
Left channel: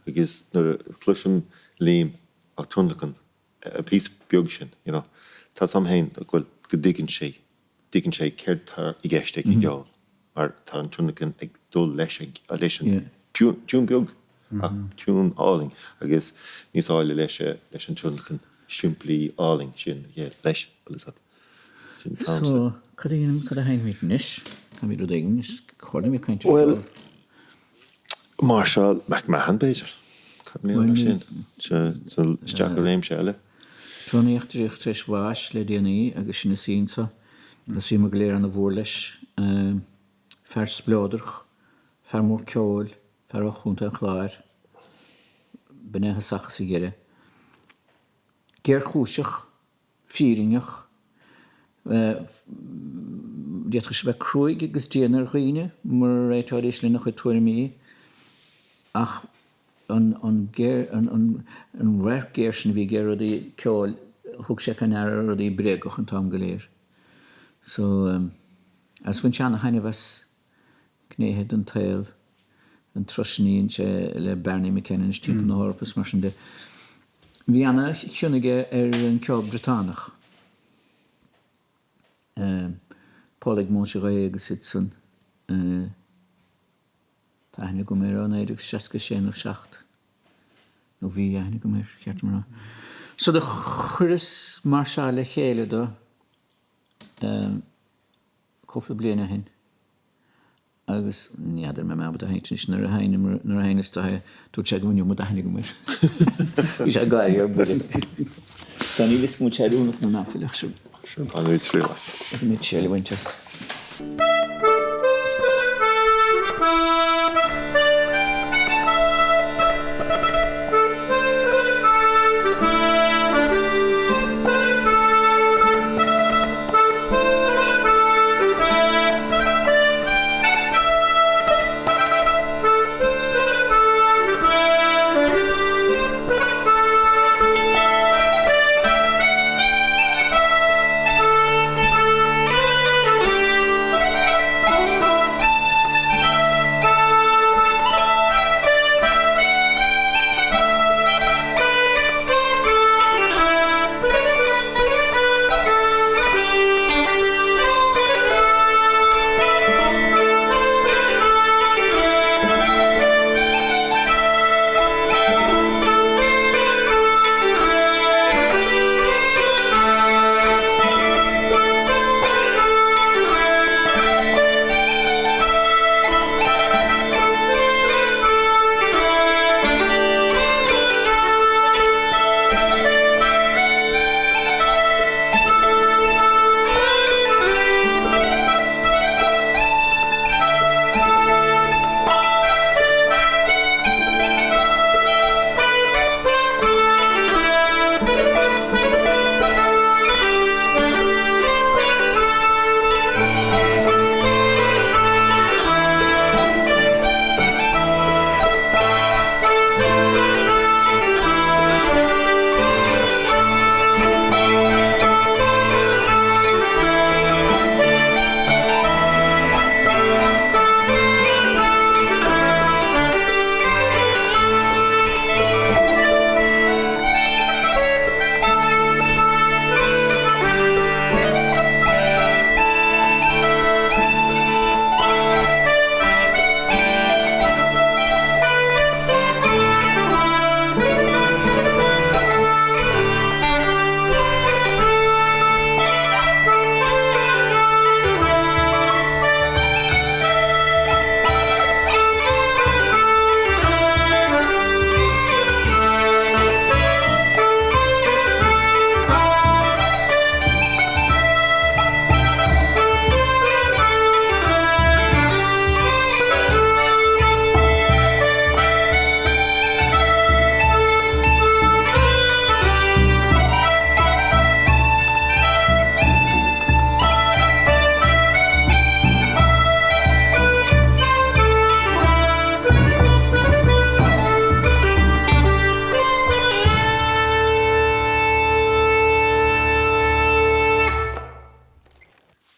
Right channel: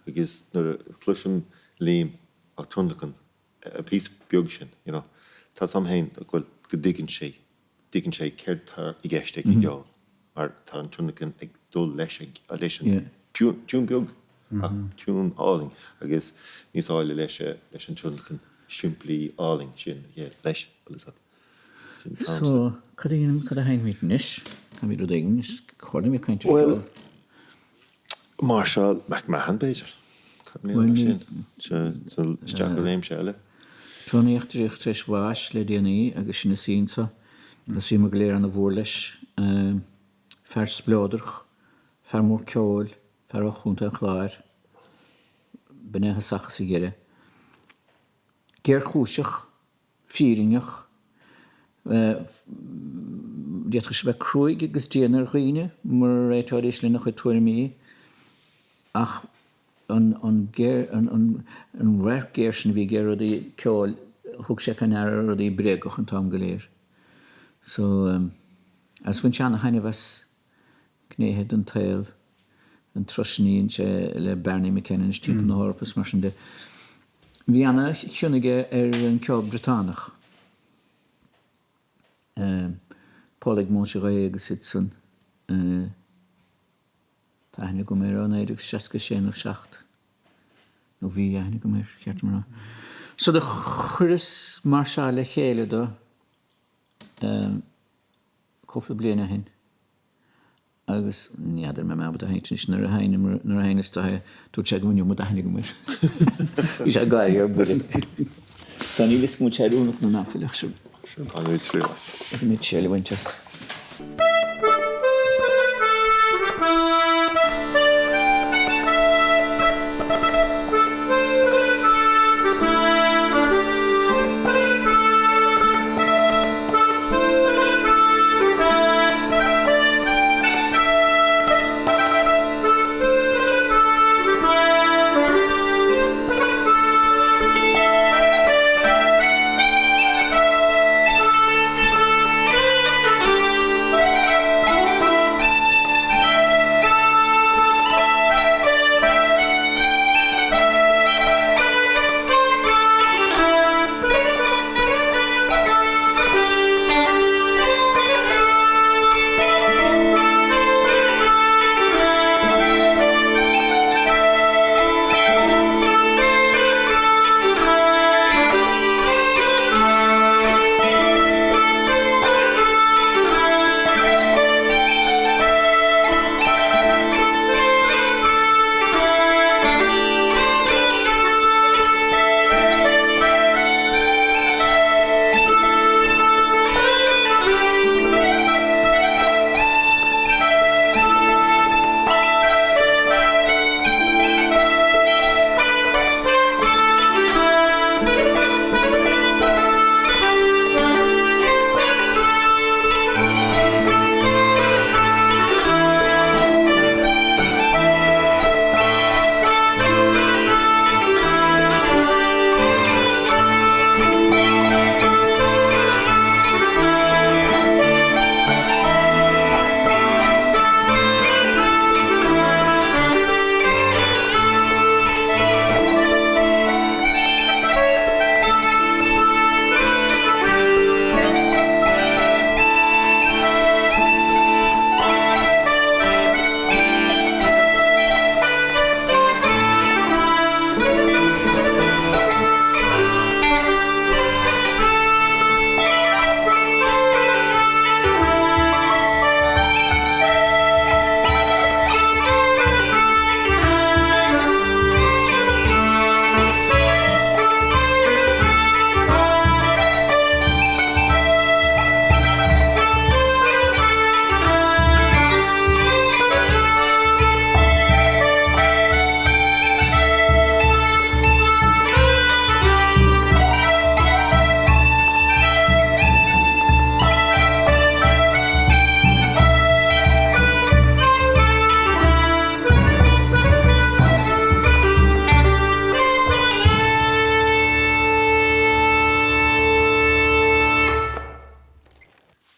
Agus nar flushim Liam a tunlachan a pís beag sin, tá samhain a go diggin sé céir tar I gceiste ag geol, mar tá an tunlachan ag dul leis a leis an tún beag, a tún áling, agus níos áile leis an tunlachan simply áling sin leis blizad. So, cad a hain mít nis? Ca mí rud éigin, chorna mí caint. Well, Marshall McMahon Beiger. Cad mí mar sin. Steach a réim se eile. Tróna éachtaríocht tris bháis le déanaí agus sin na sínsa, le sí mar goléir an a bhór leis, fer splóidirch, fer mór ceol, fer ó chúnta an chláir, benethe sachas I gére. Géir chúiseach, fíringeach, Diet se bheith cruig agus déanaar chuoine mar réitáéis le nach chu tuairimí ach an réir géir sin bhí géir í ceol thug sé fan air a í bréagach an tam goléir. So as bhain seanna haine bheits cnéhead an tail an trosníonn sé le Bernie McKinnon timp na hórpas mar sin de. Bhí anna chiúnaige ar an ceol Británach. Pálaigh móise ré agus san tá haine go mé an éidir 67 nó bhí haine go mé ceart mar. So de churas mar se le chéile do cofa bliana hin. Agus níidir me mebad a haintnis nar a haines tá tú te gúniú mu a haine go mé. Bhí sé gáir ar burin. San ní lis go sé únach nó náfileach siú. An uid frilas. Yd yn mynd siel I wyntas.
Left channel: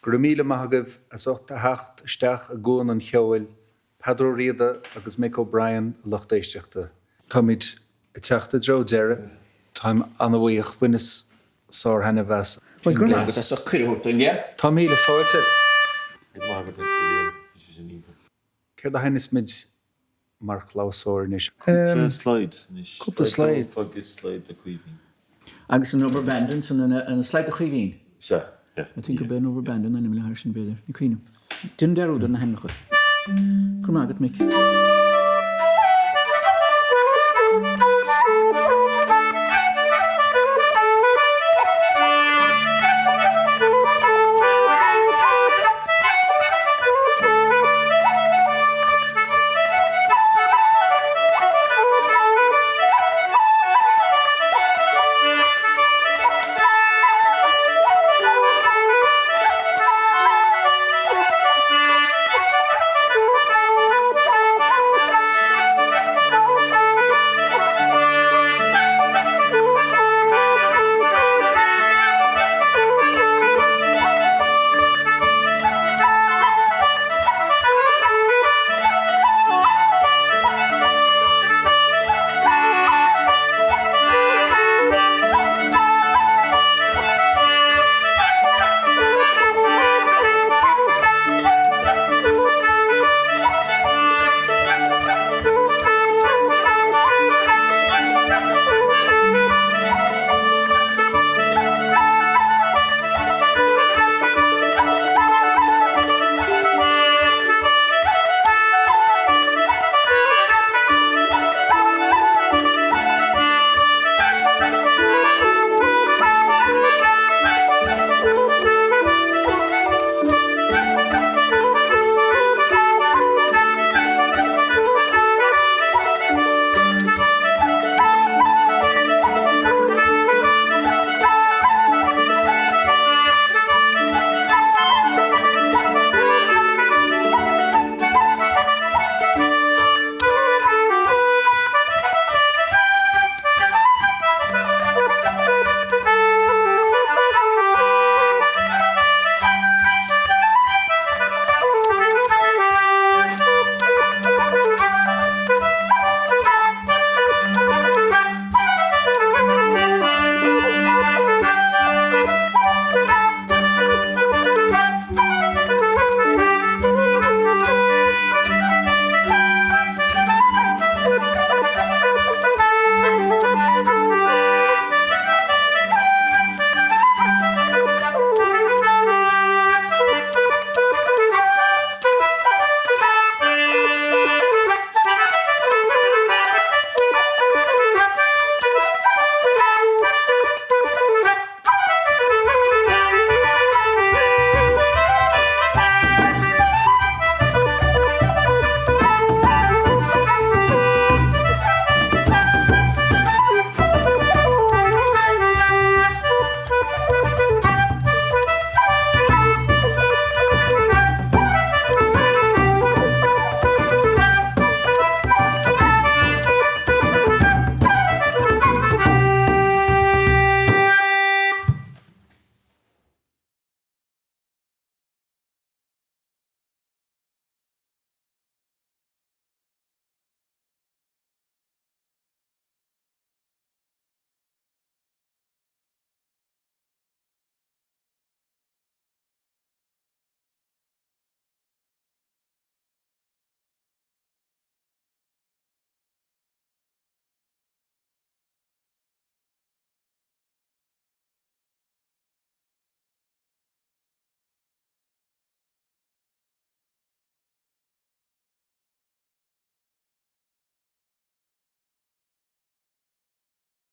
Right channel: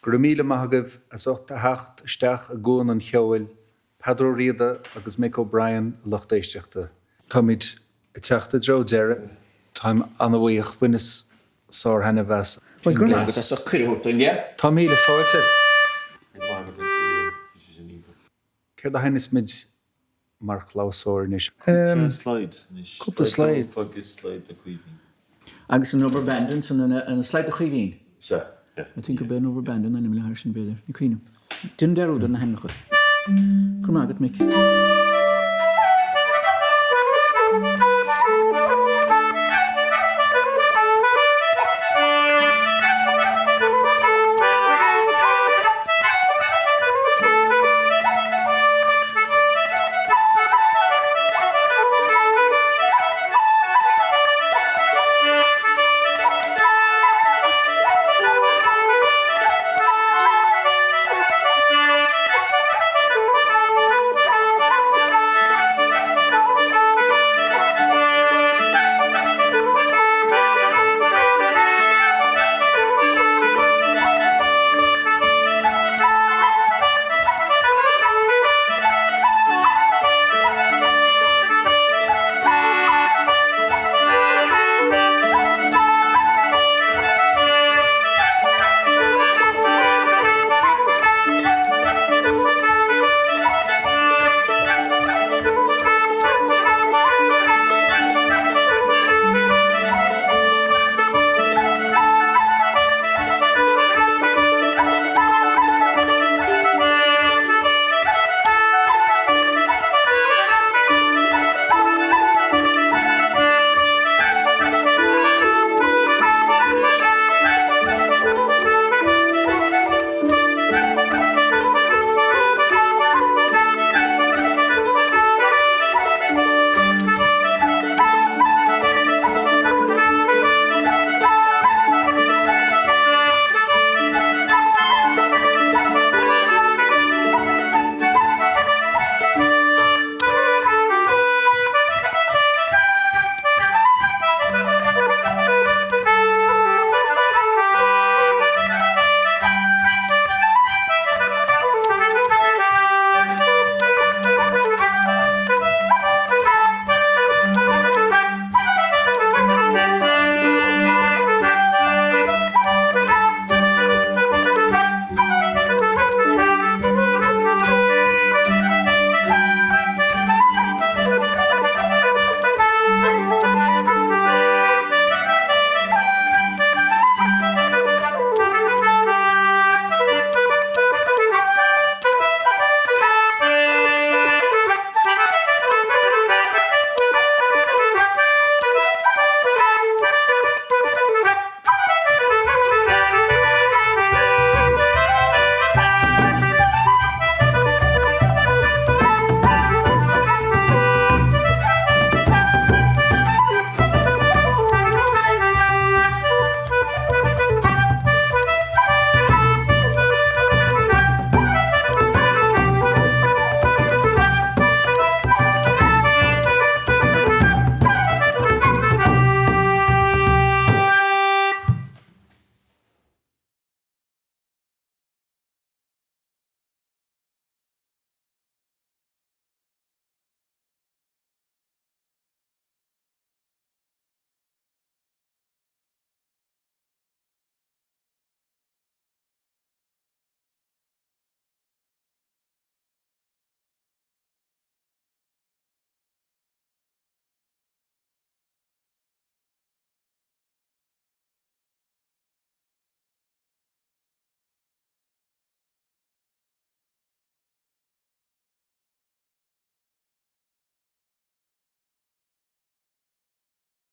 Gur míle maithagah as 8 steach a gún an Cheoil, Peadar Ó Riada agus Mick O'Brien lochtéisteachta. Táid I teachta dro deire, táim anhaíoch fuinas sár hena bheas. Well, gur mágad as a chuireann, yeah? Tá míle fáilte. Céir da haine mid mar chlásóir níos. Slide. Cúpla slide. Focus slide a cuivín. Agus an rubber bandin and a slide a chuivín. Sure, yeah. I think a ben rubber bandin and I'm going to have some better. You clean him. Didn't there, or didn't I? Gur mágad, Mick.